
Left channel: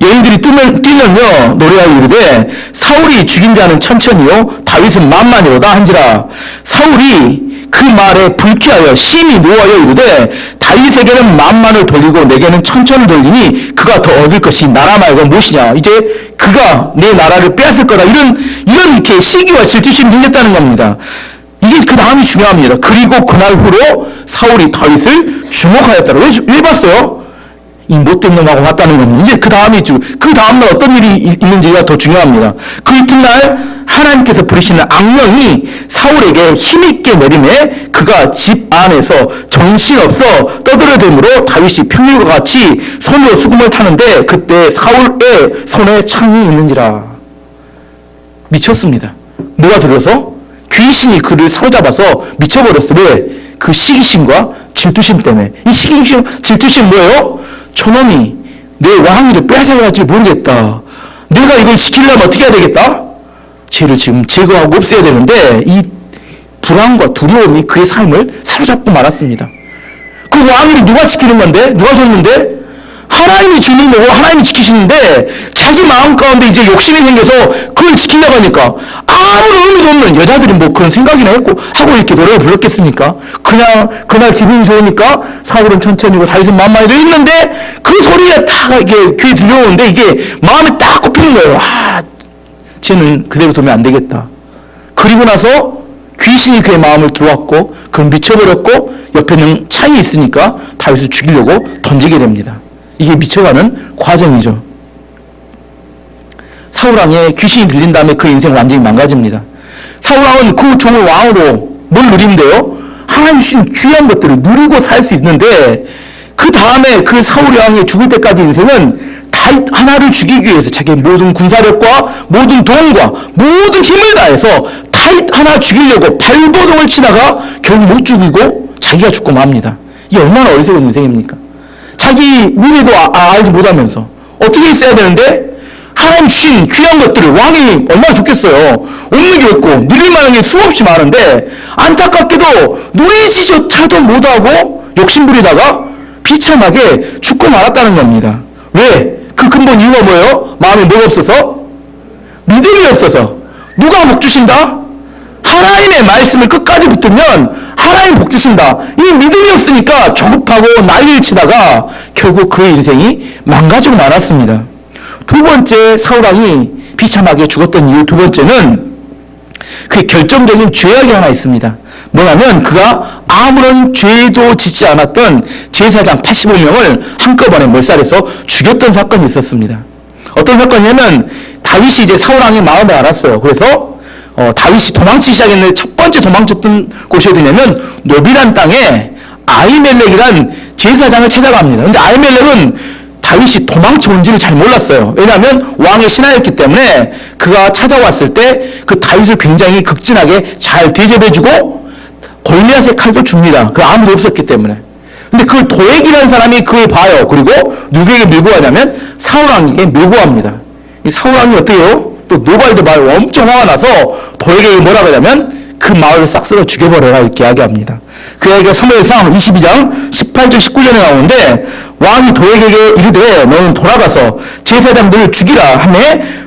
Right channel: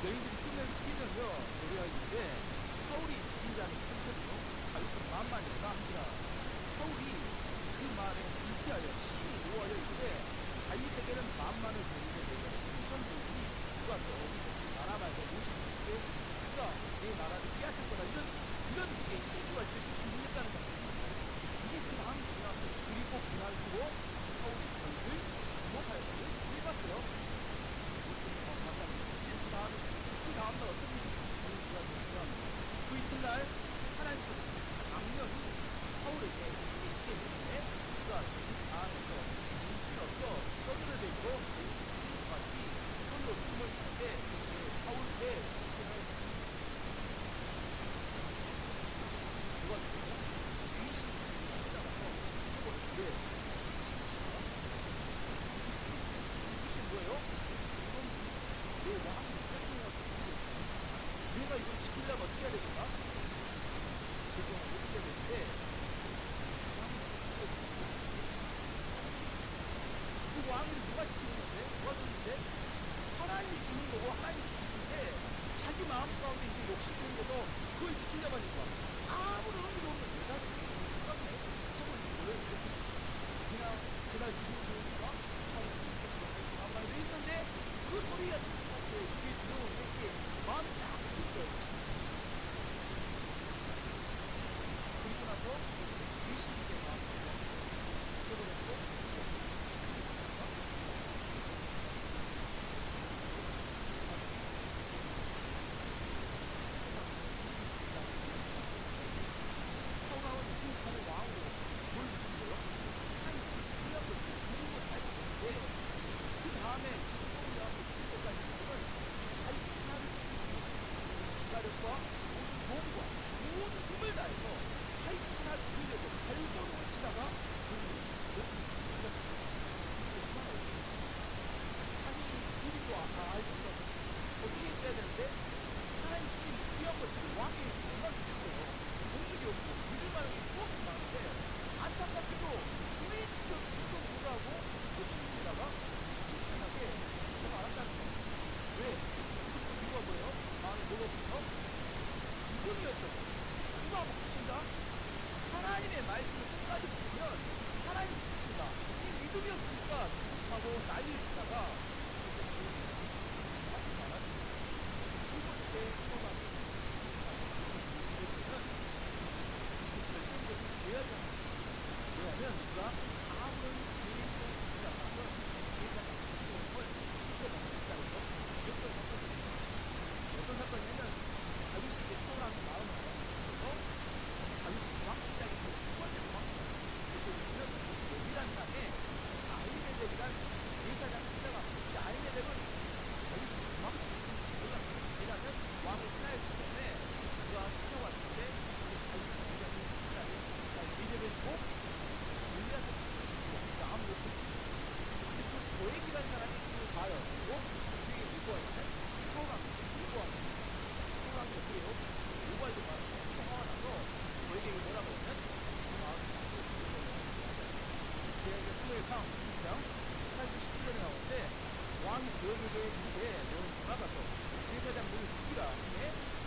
여인들이 뛰면요 노래하여 이르되 사울이 죽인 자는 천천히요 다윗은 만만이로다 한지라. 사울이 그 말에 불쾌하여 심히 노하여 이르되 다윗에게는 만만을 돌리고 내게는 천천을 돌리니 그가 더 얻을 것이 나라 말고 무엇이냐. 이제 그가 내 나라를 빼앗을 거다. 이런 이렇게 시기와 질투심이 생겼다는 겁니다. 이게 그 다음이 중요합니다. 그리고 그날 후로 사울이 다윗을 주목하였더라. 왜 봤어요? 이 못된 놈하고 왔다는 겁니다. 이제 그 다음날 어떤 일이 있는지가 더 중요합니다. 그 이튿날 하나님께서 부리시는 악령이 사울에게 힘있게 내림에 그가 집 안에서 정신없어 떠들어대므로 다윗이 평일과 같이 손으로 수금을 타는데 그때 사울의 손에 창이 있는지라. 미쳤습니다. 뭐가 들어서? 귀신이 그를 사로잡아서 미쳐버렸어. 왜? 그 시기심과 질투심 때문에. 이 시기심, 질투심 뭐예요? 저놈이 내 왕위를 빼앗아갈지 모르겠다. 내가 이걸 지키려면 어떻게 해야 되겠다? 죄를 지금 제거하고 없애야 되는데 이 불안과 두려움이 그의 삶을 사로잡고 말았습니다. 그 왕위를 누가 지키는 건데? 누가 줬는데? 하나님이 주는 거고 하나님이 지키시는데 자기 마음 가운데 이제 욕심이 생겨서 그걸 지키려고 하니까 아무런 의미도 없는, 여자들이 뭐 그런 생각이나 하고 이렇게 노래를 불렀겠습니까? 그냥 그날 기분이 좋으니까 사울은 천천히고 다윗은 만만히도 있는데 그 소리가 다 이게 귀에 들려오는데 이게 마음에 딱 꼽히는 거예요. 쟤는 그대로 두면 안 되겠다. 그리고 나서 귀신이 그의 마음을 들어왔고 그는 미쳐버렸고 옆에는 창이 있으니까 다윗을 죽이려고 던지게 됩니다. 이게 미쳐가는 과정이죠. 사울왕의 귀신이 들린 다음에 그 인생 완전히 망가집니다. 사울왕은 그 종을 왕으로 뭘 누리는데요? 하나님 주신 귀한 것들을 누리고 살 수 있는데 그 다음에 그 사울왕이 죽을 때까지 인생은 다윗 하나를 죽이기 위해서 자기의 모든 군사력과 모든 돈과 모든 힘을 다해서 다윗 하나 죽이려고 발버둥을 치다가 결국 못 죽이고 자기가 죽고 맙니다. 이게 얼마나 어리석은 인생입니까? 자기 미래도 알지 못하면서 어떻게 있어야 되는데 하나님 주신 귀한 것들을, 왕이 얼마나 좋겠어요. 없는 게 없고 누릴 만한 게 수없이 많은데 안타깝게도 누리지조차도 못하고 욕심부리다가 비참하게 죽고 말았다는 겁니다. 왜? 그 근본 이유가 뭐예요? 마음에 뭐가 없어서? 믿음이 없어서. 누가 복 주신다? 하나님의 말씀을 끝까지 붙들면 하나님 복 주신다. 이 믿음이 없으니까 조급하고 난리를 치다가 결국 그의 인생이 망가지고 말았습니다. 두 번째 사울왕이 비참하게 죽었던 이유 두 번째는 그 결정적인 죄악이 하나 있습니다. 뭐냐면 그가 아무런 죄도 짓지 않았던 제사장 85명을 한꺼번에 몰살해서 죽였던 사건이 있었습니다. 어떤 사건이냐면 다윗이 이제 사울왕의 마음을 알았어요. 그래서 다윗이 도망치기 시작했는데 첫 번째 도망쳤던 곳이 어디냐면 노비란 땅에 아히멜렉이란 제사장을 찾아갑니다. 근데 아히멜렉은 다윗이 도망쳐 온지를 잘 몰랐어요. 왜냐하면 왕의 신하였기 때문에 그가 찾아왔을 때 그 다윗을 굉장히 극진하게 잘 대접해주고 골리앗의 칼도 줍니다. 그 아무도 없었기 때문에. 근데 그 도액이라는 사람이 그걸 봐요. 그리고 누구에게 밀고 가냐면 사울왕에게 밀고 갑니다. 이 사울왕이 어떻게 해요? 또 노발도 말 엄청 화가 나서 도액에게 뭐라고 하냐면 그 마을을 싹 쓸어 죽여버려라 이렇게 이야기합니다. 그 이야기가 사무엘상 22장 18절 19절에 나오는데 왕이 도액에게 이르되 너는 돌아가서 제사장들을 죽이라 하매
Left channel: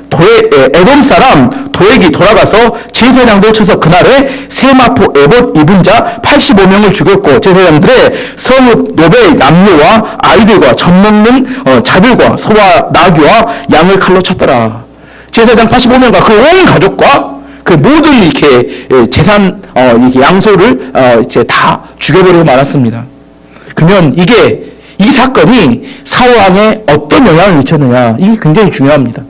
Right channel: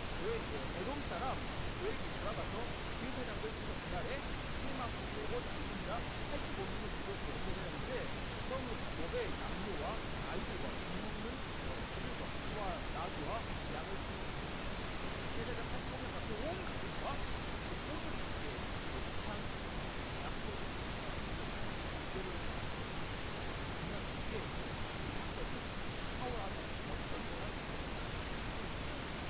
에돔 사람 도액이 돌아가서 제사장들 쳐서 그날에 세마포 에봇 입은 자 85명을 죽였고 제사장들의 성읍 노베 남녀와 아이들과 젖먹는 자들과 소와 나귀와 양을 칼로 쳤더라. 제사장 85명과 그 온 가족과 그 모든 이렇게 재산 이렇게 양소를 이제 다 죽여버리고 말았습니다. 그러면 이 사건이 사울왕에 어떤 영향을 미쳤느냐, 이게 굉장히 중요합니다.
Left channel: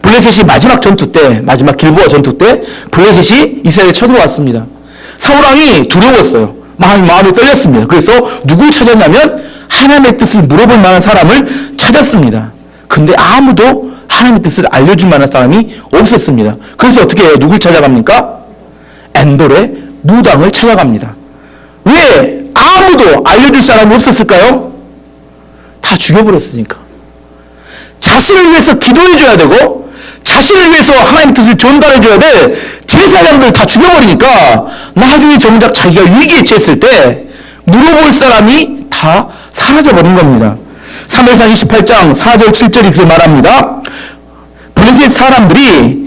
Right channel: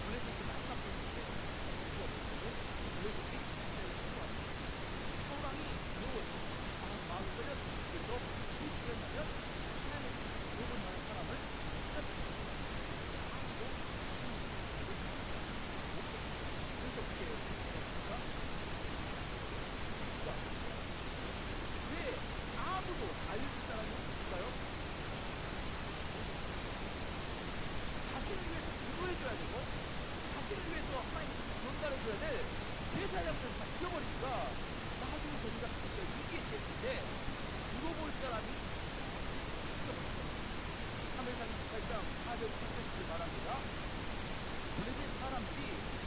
블레셋이 마지막 길보아 전투 때 블레셋이 이스라엘에 쳐들어왔습니다. 사울왕이 두려웠어요. 마음이 떨렸습니다. 그래서 누굴 찾았냐면 하나님의 뜻을 물어볼 만한 사람을 찾았습니다. 근데 아무도 하나님의 뜻을 알려줄 만한 사람이 없었습니다. 그래서 어떻게 해요? 누굴 찾아갑니까? 엔돌의 무당을 찾아갑니다. 왜 아무도 알려줄 사람이 없었을까요? 다 죽여버렸으니까. 자신을 위해서 기도해줘야 되고 자신을 위해서 하나님의 뜻을 전달해줘야 될 제사장들 다 죽여버리니까 나중에 정작 자기가 위기에 처했을 때 물어볼 사람이 다 사라져버린 겁니다. 사무엘상 28장 4절 7절이 그렇게 말합니다. 블레셋 사람들이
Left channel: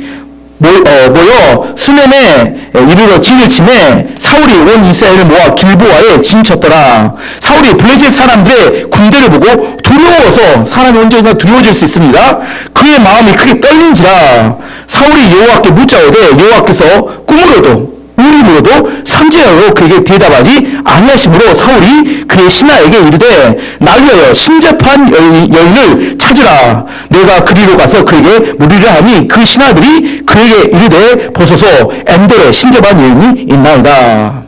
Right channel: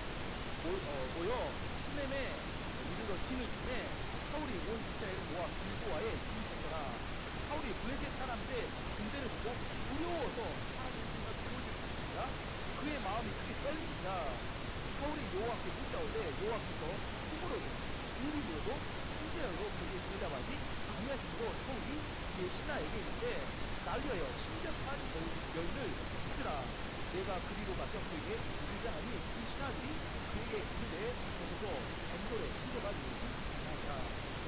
모여 수넴에 이르러 진을 치매 사울이 온 이스라엘을 모아 길보아에 진쳤더라. 사울이 블레셋 사람들의 군대를 보고 두려워서, 사람이 언제나 두려워질 수 있습니다. 그의 마음이 크게 떨린지라. 사울이 여호와께 묻자오되 여호와께서 꿈으로도 우림으로도 선지자로 그에게 대답하지 아니하심으로 사울이 그의 신하에게 이르되 날 위하여 신접한 여인을 찾으라. 내가 그리로 가서 그에게 물으려 하니 그 신하들이 그에게 이르되 보소서 엔돌에 신접한 여인이 있나이다.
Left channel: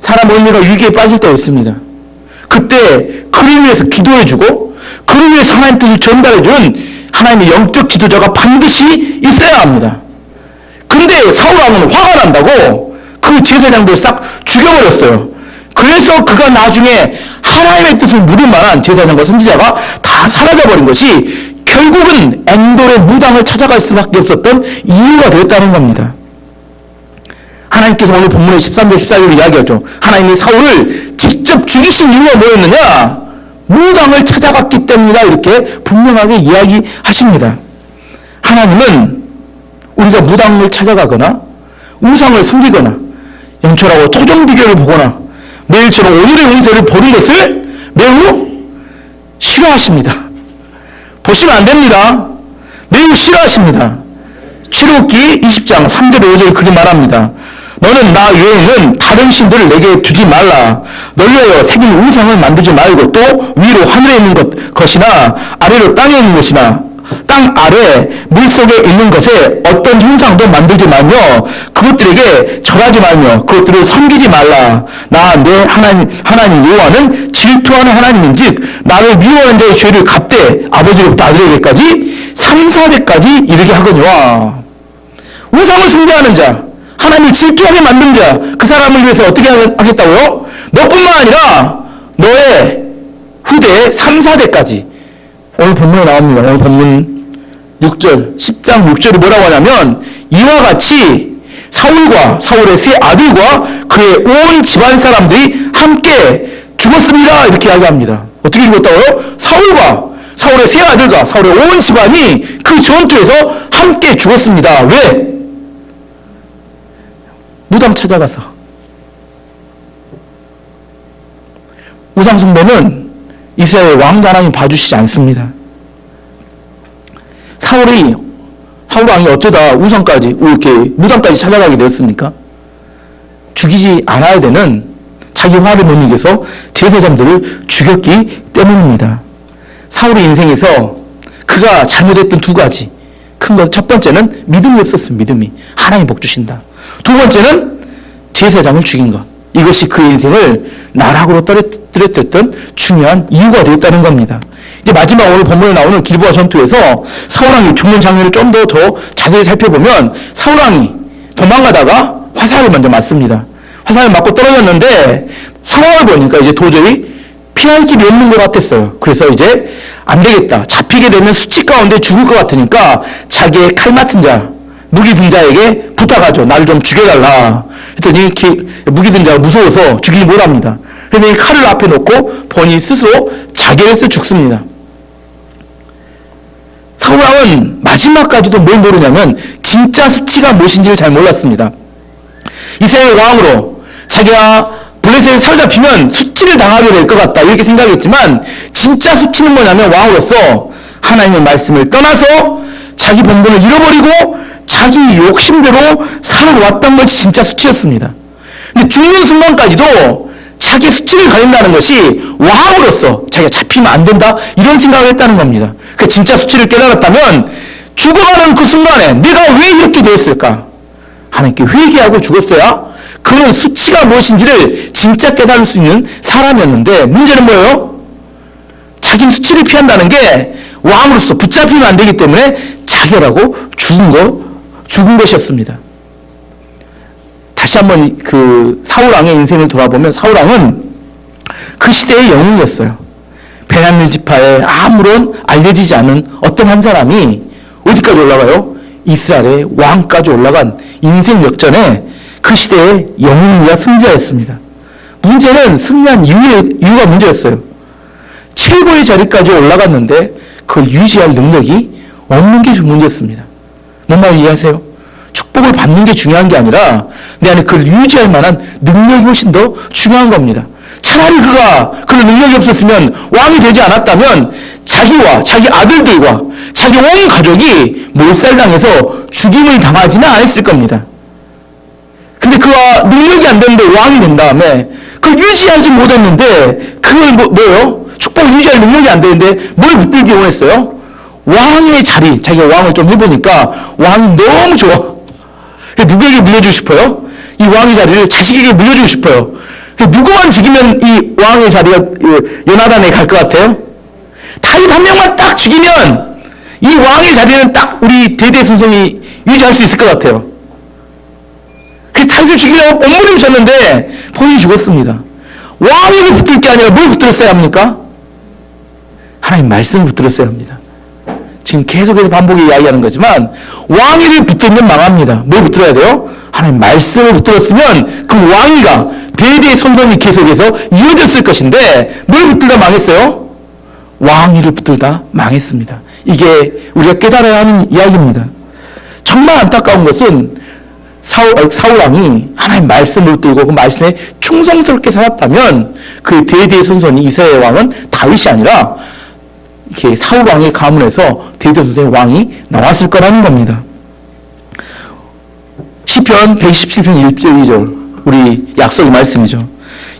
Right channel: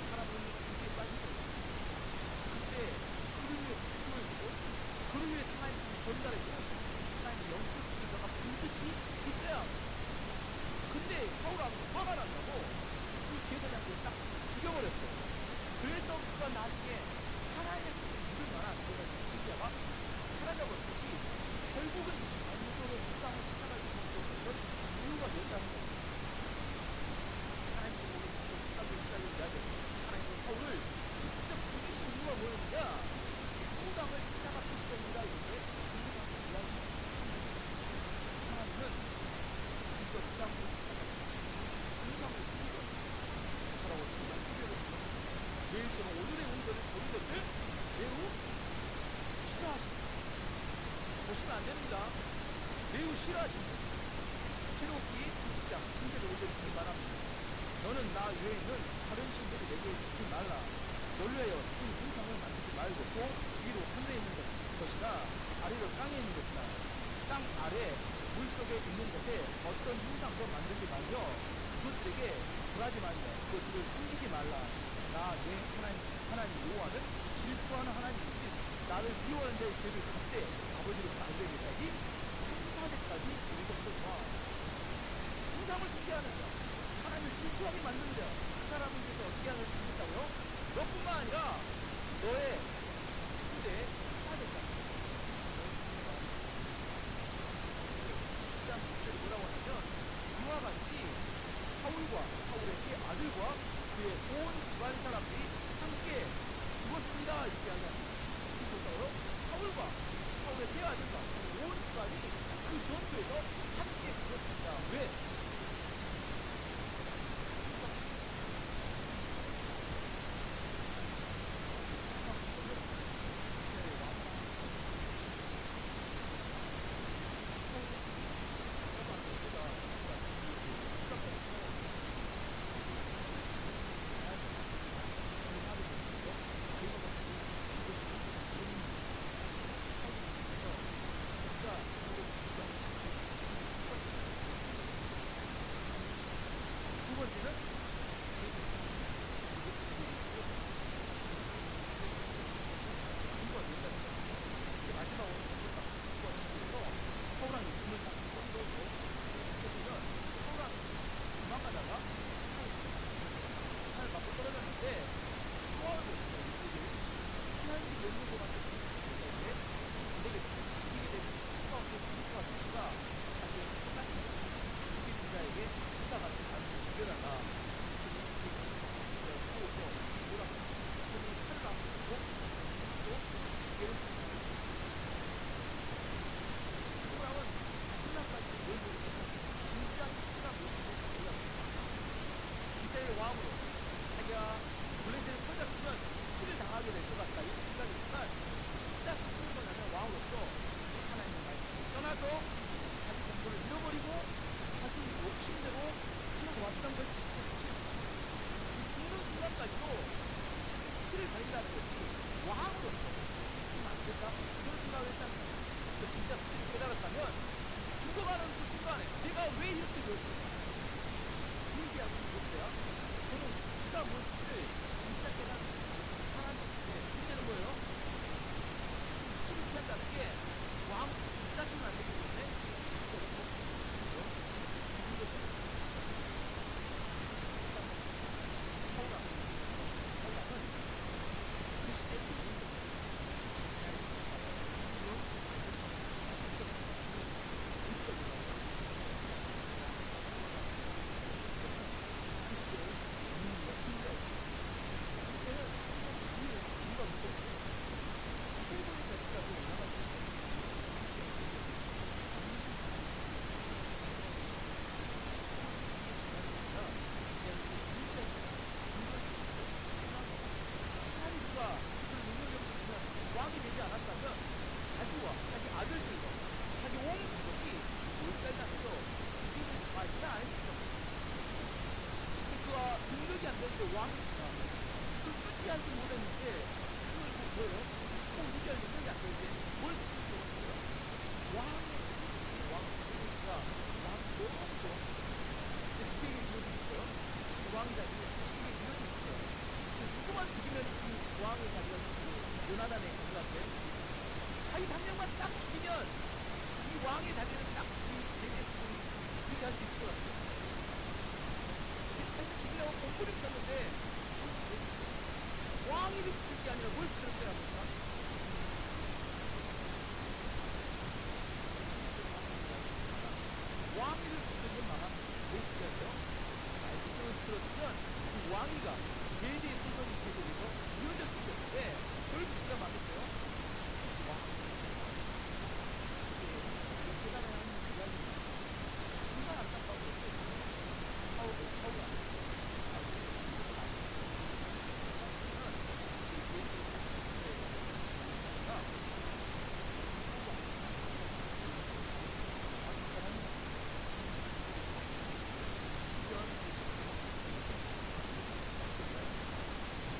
사람 언니가 위기에 빠질 때가 있습니다. 그때 그를 위해서 기도해주고 그를 위해서 하나님 뜻을 전달해주는 하나님의 영적 지도자가 반드시 있어야 합니다. 근데 사울왕은 화가 난다고 그 제사장들 싹 죽여버렸어요. 그래서 그가 나중에 하나님의 뜻을 물을 만한 제사장과 선지자가 다 사라져버린 것이 결국은 엔돌의 무당을 찾아갈 수밖에 없었던 이유가 되었다는 겁니다. 하나님께서 오늘 본문의 13절 14절을 이야기하죠. 하나님이 사울을 직접 죽이신 이유가 뭐였느냐? 무당을 찾아갔기 때문이다. 이렇게 분명하게 이야기하십니다. 하나님은 우리가 무당을 찾아가거나 우상을 섬기거나 영철하고 토종비교를 보거나 매일처럼 오늘의 운세를 보는 것을 매우 싫어하십니다. 보시면 안 됩니다. 매우 싫어하십니다. 출애굽기 20장 3절 5절 그렇게 말합니다. 너는 나 외에는 다른 신들을 내게 두지 말라. 널 위하여 새긴 우상을 만들지 말고 또 위로 하늘에 있는 것이나 아래로 땅에 있는 것이나 땅 아래 물속에 있는 것에 어떤 형상도 만들지 말며 그것들에게 절하지 말며 그것들을 섬기지 말라. 나 내 하나님 여호와는 질투하는 하나님인즉 나를 미워하는 자의 죄를 갚되 아버지로부터 아들에게까지 3, 4대까지 이르게 하거니와. 우상을 숭배하는 자, 하나님을 질투하게 만든 자, 그 사람을 위해서 어떻게 하겠다고요? 너뿐만 아니라 너의 후대 3, 4대까지. 오늘 본문에 나옵니다. 오늘 본문 6절, 10장 6절이 뭐라고 하냐면 이와 같이 사울과 사울의 세 아들과 그의 온 집안 사람들이 함께 죽었습니다. 이렇게 이야기합니다. 어떻게 죽었다고요? 사울과 사울의 세 아들과 사울의 온 집안이 그 전투에서 함께 죽었습니다. 왜? 무당 찾아가서. 우상숭배는 이스라엘 왕도 하나님 봐주시지 않습니다. 사울왕이 어쩌다 우상까지 이렇게 무당까지 찾아가게 되었습니까? 죽이지 않아야 되는 자기 화를 못 이겨서 제사장들을 죽였기 때문입니다. 사울의 인생에서 그가 잘못했던 두 가지 큰 것, 첫 번째는 믿음이 없었습니다. 믿음이 하나님 복 주신다. 두 번째는 제사장을 죽인 것. 이것이 그의 인생을 나락으로 떨어뜨렸던 중요한 이유가 되었다는 겁니다. 이제 마지막 오늘 본문에 나오는 길보아 전투에서 사울왕이 죽는 장면을 좀 더 자세히 살펴보면 사울왕이 도망가다가 화살을 먼저 맞습니다. 화살을 맞고 떨어졌는데 상황을 보니까 이제 도저히 피할 길이 없는 것 같았어요. 그래서 이제 안 되겠다. 잡히게 되면 수치 가운데 죽을 것 같으니까 자기의 칼 맡은 자, 무기 든 자에게 부탁하죠. 나를 좀 죽여달라. 그랬더니 무기 든 자가 무서워서 죽이지 못합니다. 그래서 이 칼을 앞에 놓고 본인이 스스로 자결을 해서 죽습니다. 사울왕은 마지막까지도 뭘 모르냐면 진짜 수치가 무엇인지를 잘 몰랐습니다. 이스라엘 왕으로 자기가 블레셋에 사로잡히면 수치를 당하게 될 것 같다 이렇게 생각했지만 진짜 수치는 뭐냐면 왕으로서 하나님의 말씀을 떠나서 자기 본분을 잃어버리고 자기 욕심대로 살아왔던 것이 진짜 수치였습니다. 근데 죽는 순간까지도 자기 수치를 가린다는 것이 왕으로서 자기가 잡히면 안 된다 이런 생각을 했다는 겁니다. 그 진짜 수치를 깨달았다면 죽어가는 그 순간에 내가 왜 이렇게 되었을까? 하나님께 회개하고 죽었어야 그는 수치가 무엇인지를 진짜 깨달을 수 있는 사람이었는데 문제는 뭐예요? 자기는 수치를 피한다는 게 왕으로서 붙잡히면 안 되기 때문에 자결하고 죽은 것이었습니다. 다시 한번 그 사울왕의 인생을 돌아보면 사울왕은 그 시대의 영웅이었어요. 베냐민 지파에 아무런 알려지지 않은 어떤 한 사람이 어디까지 올라가요? 이스라엘의 왕까지 올라간 인생 역전에 그 시대에 영웅이가 승자였습니다. 문제는 승리한 이유가 문제였어요. 최고의 자리까지 올라갔는데 그걸 유지할 능력이 없는 게 문제였습니다. 뭔 말인지 이해하세요? 축복을 받는 게 중요한 게 아니라 내 안에 그걸 유지할 만한 능력이 훨씬 더 중요한 겁니다. 차라리 그가 그런 능력이 없었으면 왕이 되지 않았다면 자기와 자기 아들들과 자기 온 가족이 몰살당해서 죽임을 당하지는 않았을 겁니다. 근데 그가 능력이 안 되는데 왕이 된 다음에 그걸 유지하지 못했는데 그걸 뭐예요? 축복을 유지할 능력이 안 되는데 뭘 붙들기 원했어요? 왕의 자리, 자기가 왕을 좀 해보니까 왕이 너무 좋아. 누구에게 물려주고 싶어요? 이 왕의 자리를 자식에게 물려주고 싶어요. 누구만 죽이면 이 왕의 자리가 요나단에 갈 것 같아요? 다윗 한 명만 딱 죽이면 이 왕의 자리는 딱 우리 대대손손이 유지할 수 있을 것 같아요. 그래서 다윗을 죽이려고 몸부림쳤는데 본인이 죽었습니다. 왕에게 붙들 게 아니라 뭘 붙들었어야 합니까? 하나님 말씀을 붙들었어야 합니다. 지금 계속해서 반복해 이야기하는 거지만 왕위를 붙들면 망합니다. 뭘 붙들어야 돼요? 하나님 말씀을 붙들었으면 그 왕위가 대대손손이 계속해서 이어졌을 것인데 뭘 붙들다 망했어요? 왕위를 붙들다 망했습니다. 이게 우리가 깨달아야 하는 이야기입니다. 정말 안타까운 것은 사울 왕이 하나님 말씀을 붙들고 그 말씀에 충성스럽게 살았다면 그 대대손손이 이스라엘 왕은 다윗이 아니라 이렇게 사울 왕의 가문에서 대대손손의 왕이 나왔을 거라는 겁니다. 시편 117편 1절 2절 우리 약속의 말씀이죠.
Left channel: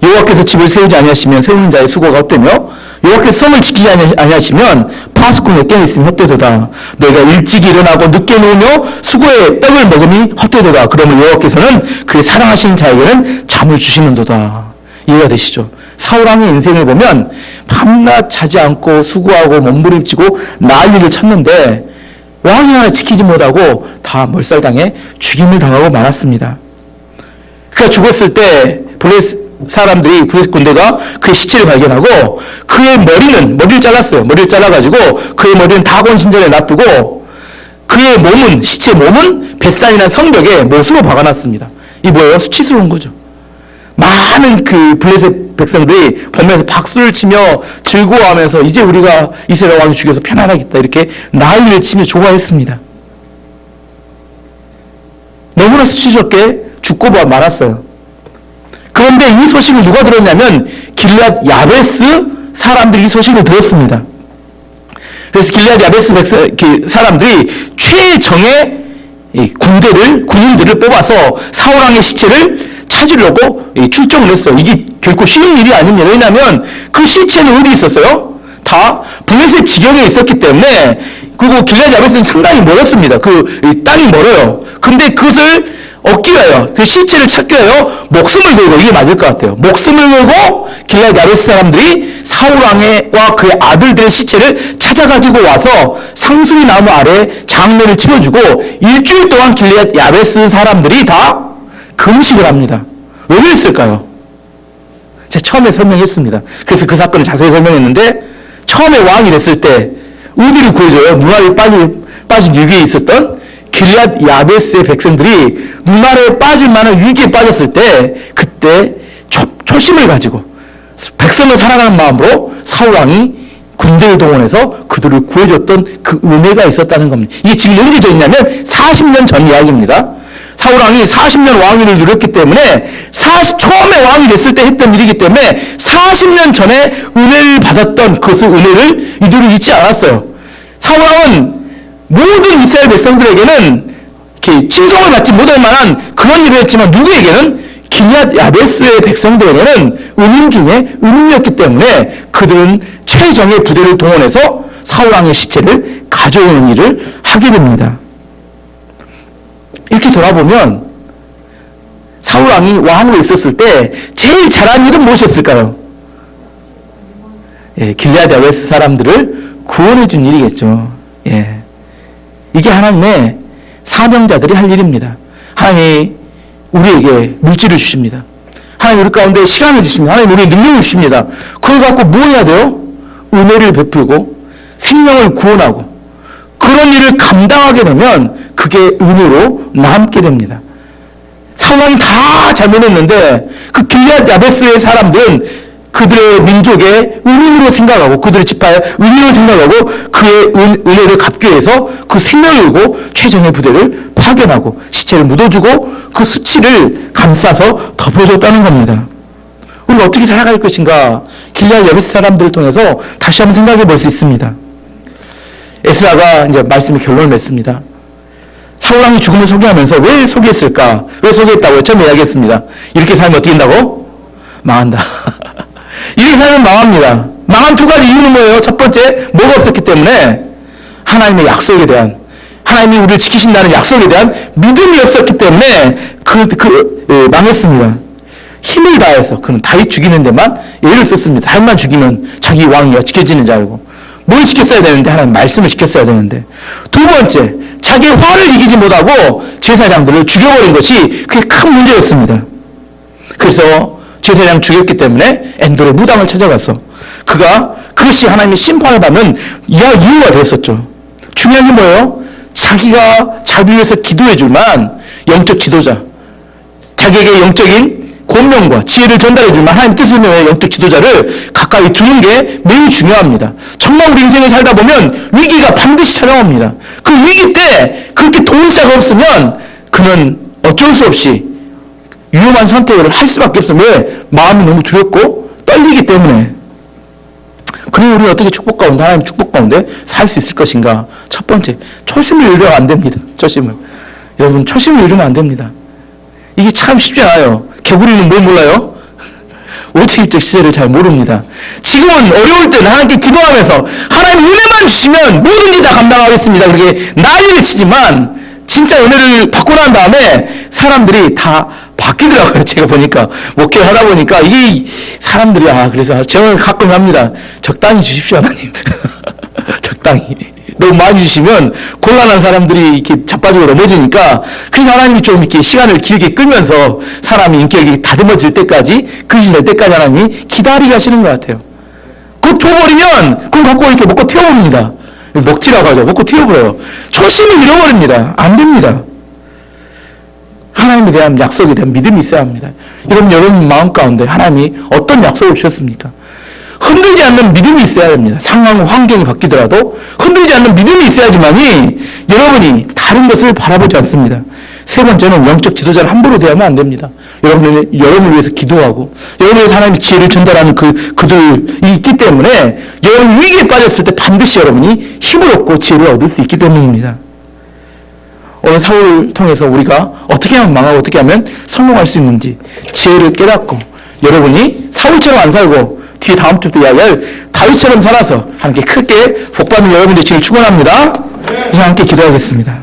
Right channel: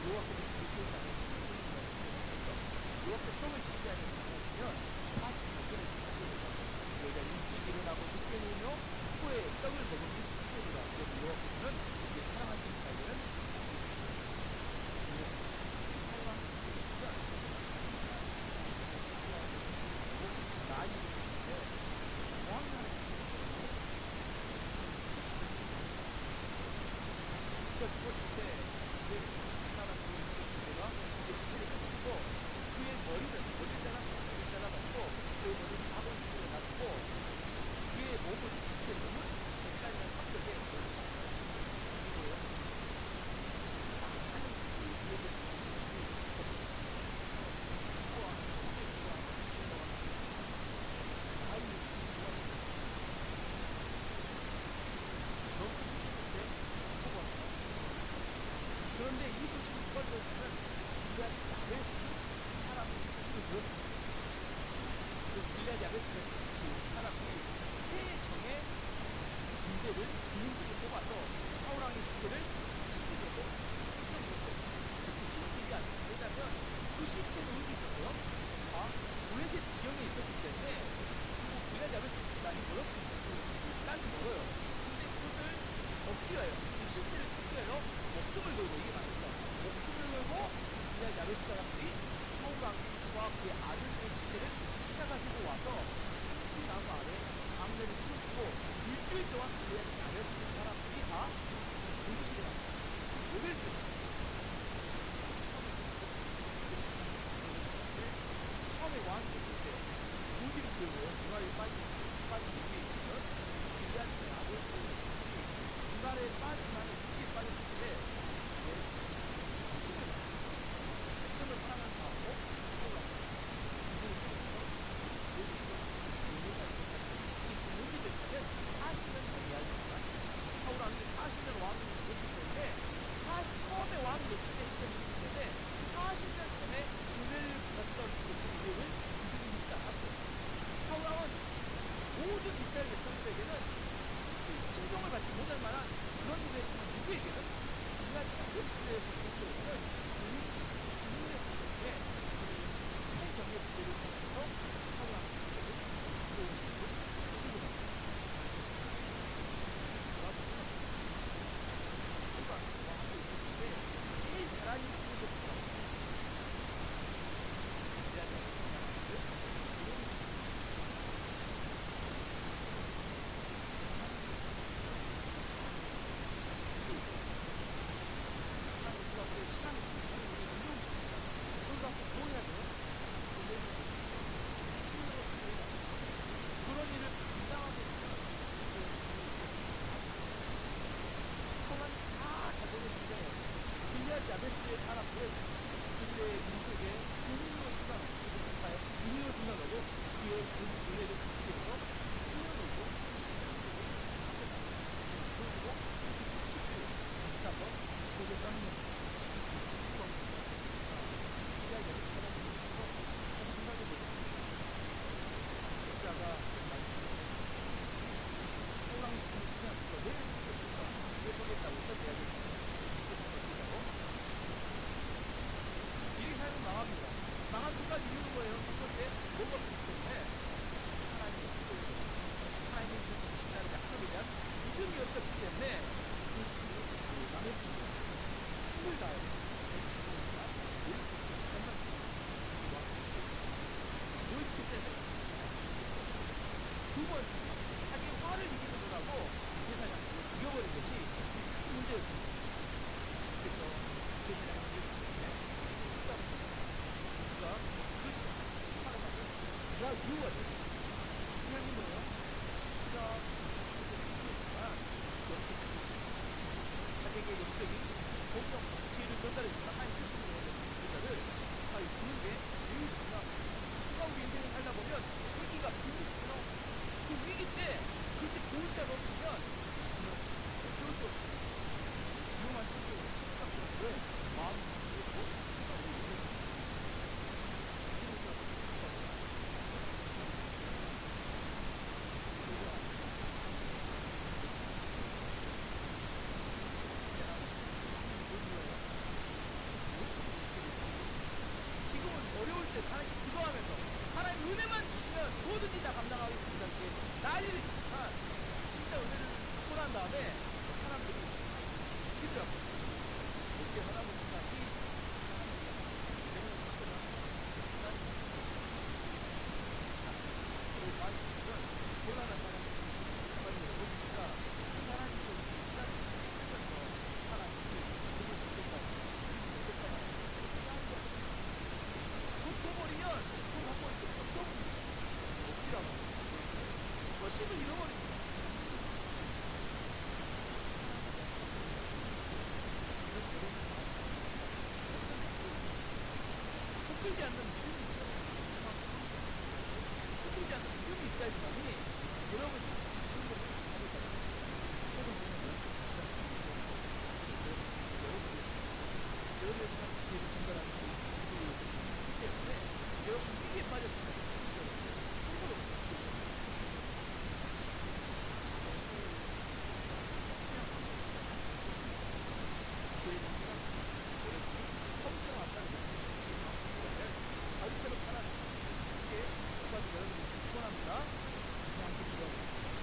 여호와께서 집을 세우지 아니하시면 세우는 자의 수고가 헛되며 여호와께서 성을 지키지 아니하시면 파수꾼의 깨어 있으면 헛되도다. 너희가 일찍 일어나고 늦게 누우며 수고의 떡을 먹음이 헛되도다. 그러면 여호와께서는 그의 사랑하시는 자에게는 잠을 주시는도다. 이해가 되시죠? 사울왕의 인생을 보면 밤낮 자지 않고 수고하고 몸부림치고 난리를 쳤는데 왕이 하나 지키지 못하고 다 몰살당해 죽임을 당하고 말았습니다. 그가 죽었을 때 블레셋 군대가 그의 시체를 발견하고 그의 머리를 잘랐어요. 머리를 잘라가지고 그의 머리는 다곤 신전에 놔두고 그의 몸은, 시체 몸은 벳산이라는 성벽에 못으로 박아놨습니다. 이 뭐예요? 수치스러운 거죠. 많은 그 블레셋 백성들이 보면서 박수를 치며 즐거워하면서 이제 우리가 이스라엘 왕이 죽여서 편안하겠다 이렇게 난리를 치며 좋아했습니다. 너무나 수치스럽게 죽고 말았어요. 그런데 이 소식을 누가 들었냐면 길앗 야베스 사람들이 이 소식을 들었습니다. 그래서 길앗 야베스 사람들이 최정의 군인들을 뽑아서 사울왕의 시체를 찾으려고 출정을 했어요. 이게 결코 쉬운 일이 아닙니다. 왜냐하면 그 시체는 어디 있었어요? 다 블레셋 지경에 있었기 때문에. 그리고 길앗 야베스는 상당히 멀었습니다. 그 땅이 멀어요. 근데 그것을 얻기 위하여, 그 시체를 찾기 위하여 목숨을 걸고, 이게 맞을 것 같아요. 목숨을 걸고 길앗 야베스 사람들이 사울왕과 그의 아들들의 시체를 찾아가지고 와서 상수리 나무 아래 장례를 치러주고 일주일 동안 길앗 야베스 사람들이 다 금식을 합니다. 왜 그랬을까요? 제가 처음에 설명했습니다. 그래서 그 사건을 자세히 설명했는데 처음에 왕이 됐을 때 어디를 구해줘요? 눈알이 빠진 위기에 있었던 길앗 야베스의 백성들이 눈알에 빠질 만한 위기에 빠졌을 때 그때 초심을 가지고 백성을 사랑하는 마음으로 사울왕이 군대를 동원해서 그들을 구해줬던 그 은혜가 있었다는 겁니다. 이게 지금 언제 전이냐면 40년 전 이야기입니다. 사울왕이 40년 왕위를 누렸기 때문에 처음에 왕이 됐을 때 했던 일이기 때문에 40년 전에 은혜를 받았던 그 은혜를 이들은 잊지 않았어요. 사울왕은 모든 이스라엘 백성들에게는 이렇게 칭송을 받지 못할 만한 그런 일을 했지만 누구에게는 길앗 야베스의 백성들에게는 은인 중에 은인이었기 때문에 그들은 최정의 부대를 동원해서 사울왕의 시체를 가져오는 일을 하게 됩니다. 이렇게 돌아보면 사울왕이 왕으로 있었을 때 제일 잘한 일은 무엇이었을까요? 길앗 야베스 사람들을 구원해 준 일이겠죠. 이게 하나님의 사명자들이 할 일입니다. 하나님이 우리에게 물질을 주십니다. 하나님 우리 가운데 시간을 주십니다. 하나님 우리에게 능력을 주십니다. 그걸 갖고 뭐 해야 돼요? 은혜를 베풀고 생명을 구원하고 그런 일을 감당하게 되면 그게 은혜로 남게 됩니다. 사울왕이 다 잘못했는데 그 길앗 야베스의 사람들은 그들의 민족의 은인으로 생각하고 그들의 지파의 은인으로 생각하고 그의 은혜를 갚기 위해서 그 생명을 걸고 최정예 부대를 파견하고 시체를 묻어주고 그 수치를 감싸서 덮어줬다는 겁니다. 우리가 어떻게 살아갈 것인가 길앗 야베스 사람들을 통해서 다시 한번 생각해 볼 수 있습니다. 에스라가 이제 말씀의 결론을 맺습니다. 사울왕이 죽음을 소개하면서 왜 소개했을까? 왜 소개했다고요? 처음에 이야기했습니다. 이렇게 살면 어떻게 된다고? 망한다. 이렇게 살면 망합니다. 망한 두 가지 이유는 뭐예요? 첫 번째, 뭐가 없었기 때문에 하나님의 약속에 대한, 하나님이 우리를 지키신다는 약속에 대한 믿음이 없었기 때문에 망했습니다. 힘을 다해서 그는 다윗 죽이는 데만 애를 썼습니다. 다윗만 죽이면 자기 왕위가 지켜지는 줄 알고. 뭘 지켰어야 되는데? 하나님 말씀을 지켰어야 되는데. 두 번째, 자기의 화를 이기지 못하고 제사장들을 죽여버린 것이 그게 큰 문제였습니다. 그래서 제사장 죽였기 때문에 엔돌의 무당을 찾아가서 그것이 하나님의 심판을 받는 이유가 되었었죠. 중요한 게 뭐예요? 자기가 자기를 위해서 기도해 줄만 영적 지도자, 자기에게 영적인 권명과 지혜를 전달해 줄만 하나님 뜻을 위해 영적 지도자를 가까이 두는 게 매우 중요합니다. 정말 우리 인생을 살다 보면 위기가 반드시 찾아옵니다. 그 위기 때 그렇게 도울 자가 없으면 그는 어쩔 수 없이 위험한 선택을 할 수밖에 없어요. 왜? 마음이 너무 두렵고 떨리기 때문에. 그리고 우리는 어떻게 축복 가운데, 하나님 축복 가운데 살 수 있을 것인가? 첫 번째, 초심을 잃으면 안 됩니다. 초심을. 여러분, 초심을 잃으면 안 됩니다. 이게 참 쉽지 않아요. 개구리는 뭘 몰라요? 오직일적 시제를 잘 모릅니다. 지금은 어려울 때는 하나님께 기도하면서 하나님 은혜만 주시면 뭐든지 다 감당하겠습니다. 그렇게 난리를 치지만 진짜 은혜를 받고 난 다음에 사람들이 다 바뀌더라고요. 제가 보니까 목회를 하다 보니까 이게 사람들이 그래서 제가 가끔 합니다. 적당히 주십시오 하나님. 적당히. 너무 많이 주시면 곤란한 사람들이 이렇게 자빠지고 넘어지니까 그래서 하나님이 좀 이렇게 시간을 길게 끌면서 사람이 인격이 다듬어질 때까지 그릇이 될 때까지 하나님이 기다리게 하시는 것 같아요. 그거 줘버리면 그럼 갖고 이렇게 먹고 튀어버립니다. 먹지라고 하죠. 먹고 튀어버려요. 초심을 잃어버립니다. 안 됩니다. 하나님에 대한 약속에 대한 믿음이 있어야 합니다. 여러분 마음 가운데 하나님이 어떤 약속을 주셨습니까? 흔들지 않는 믿음이 있어야 됩니다. 상황, 환경이 바뀌더라도 흔들지 않는 믿음이 있어야지만이 여러분이 다른 것을 바라보지 않습니다. 세 번째는 영적 지도자를 함부로 대하면 안 됩니다. 여러분을 위해서 기도하고 여러분을 위해서 하나님의 지혜를 전달하는 그들이 있기 때문에 여러분이 위기에 빠졌을 때 반드시 여러분이 힘을 얻고 지혜를 얻을 수 있기 때문입니다. 오늘 사울을 통해서 우리가 어떻게 하면 망하고 어떻게 하면 성공할 수 있는지 지혜를 깨닫고 여러분이 사울처럼 안 살고 뒤에 다음 주부터 이야기할 다윗처럼 살아서 함께 크게 복받는 여러분의 지혜를 축원합니다. 이제 함께 기도하겠습니다.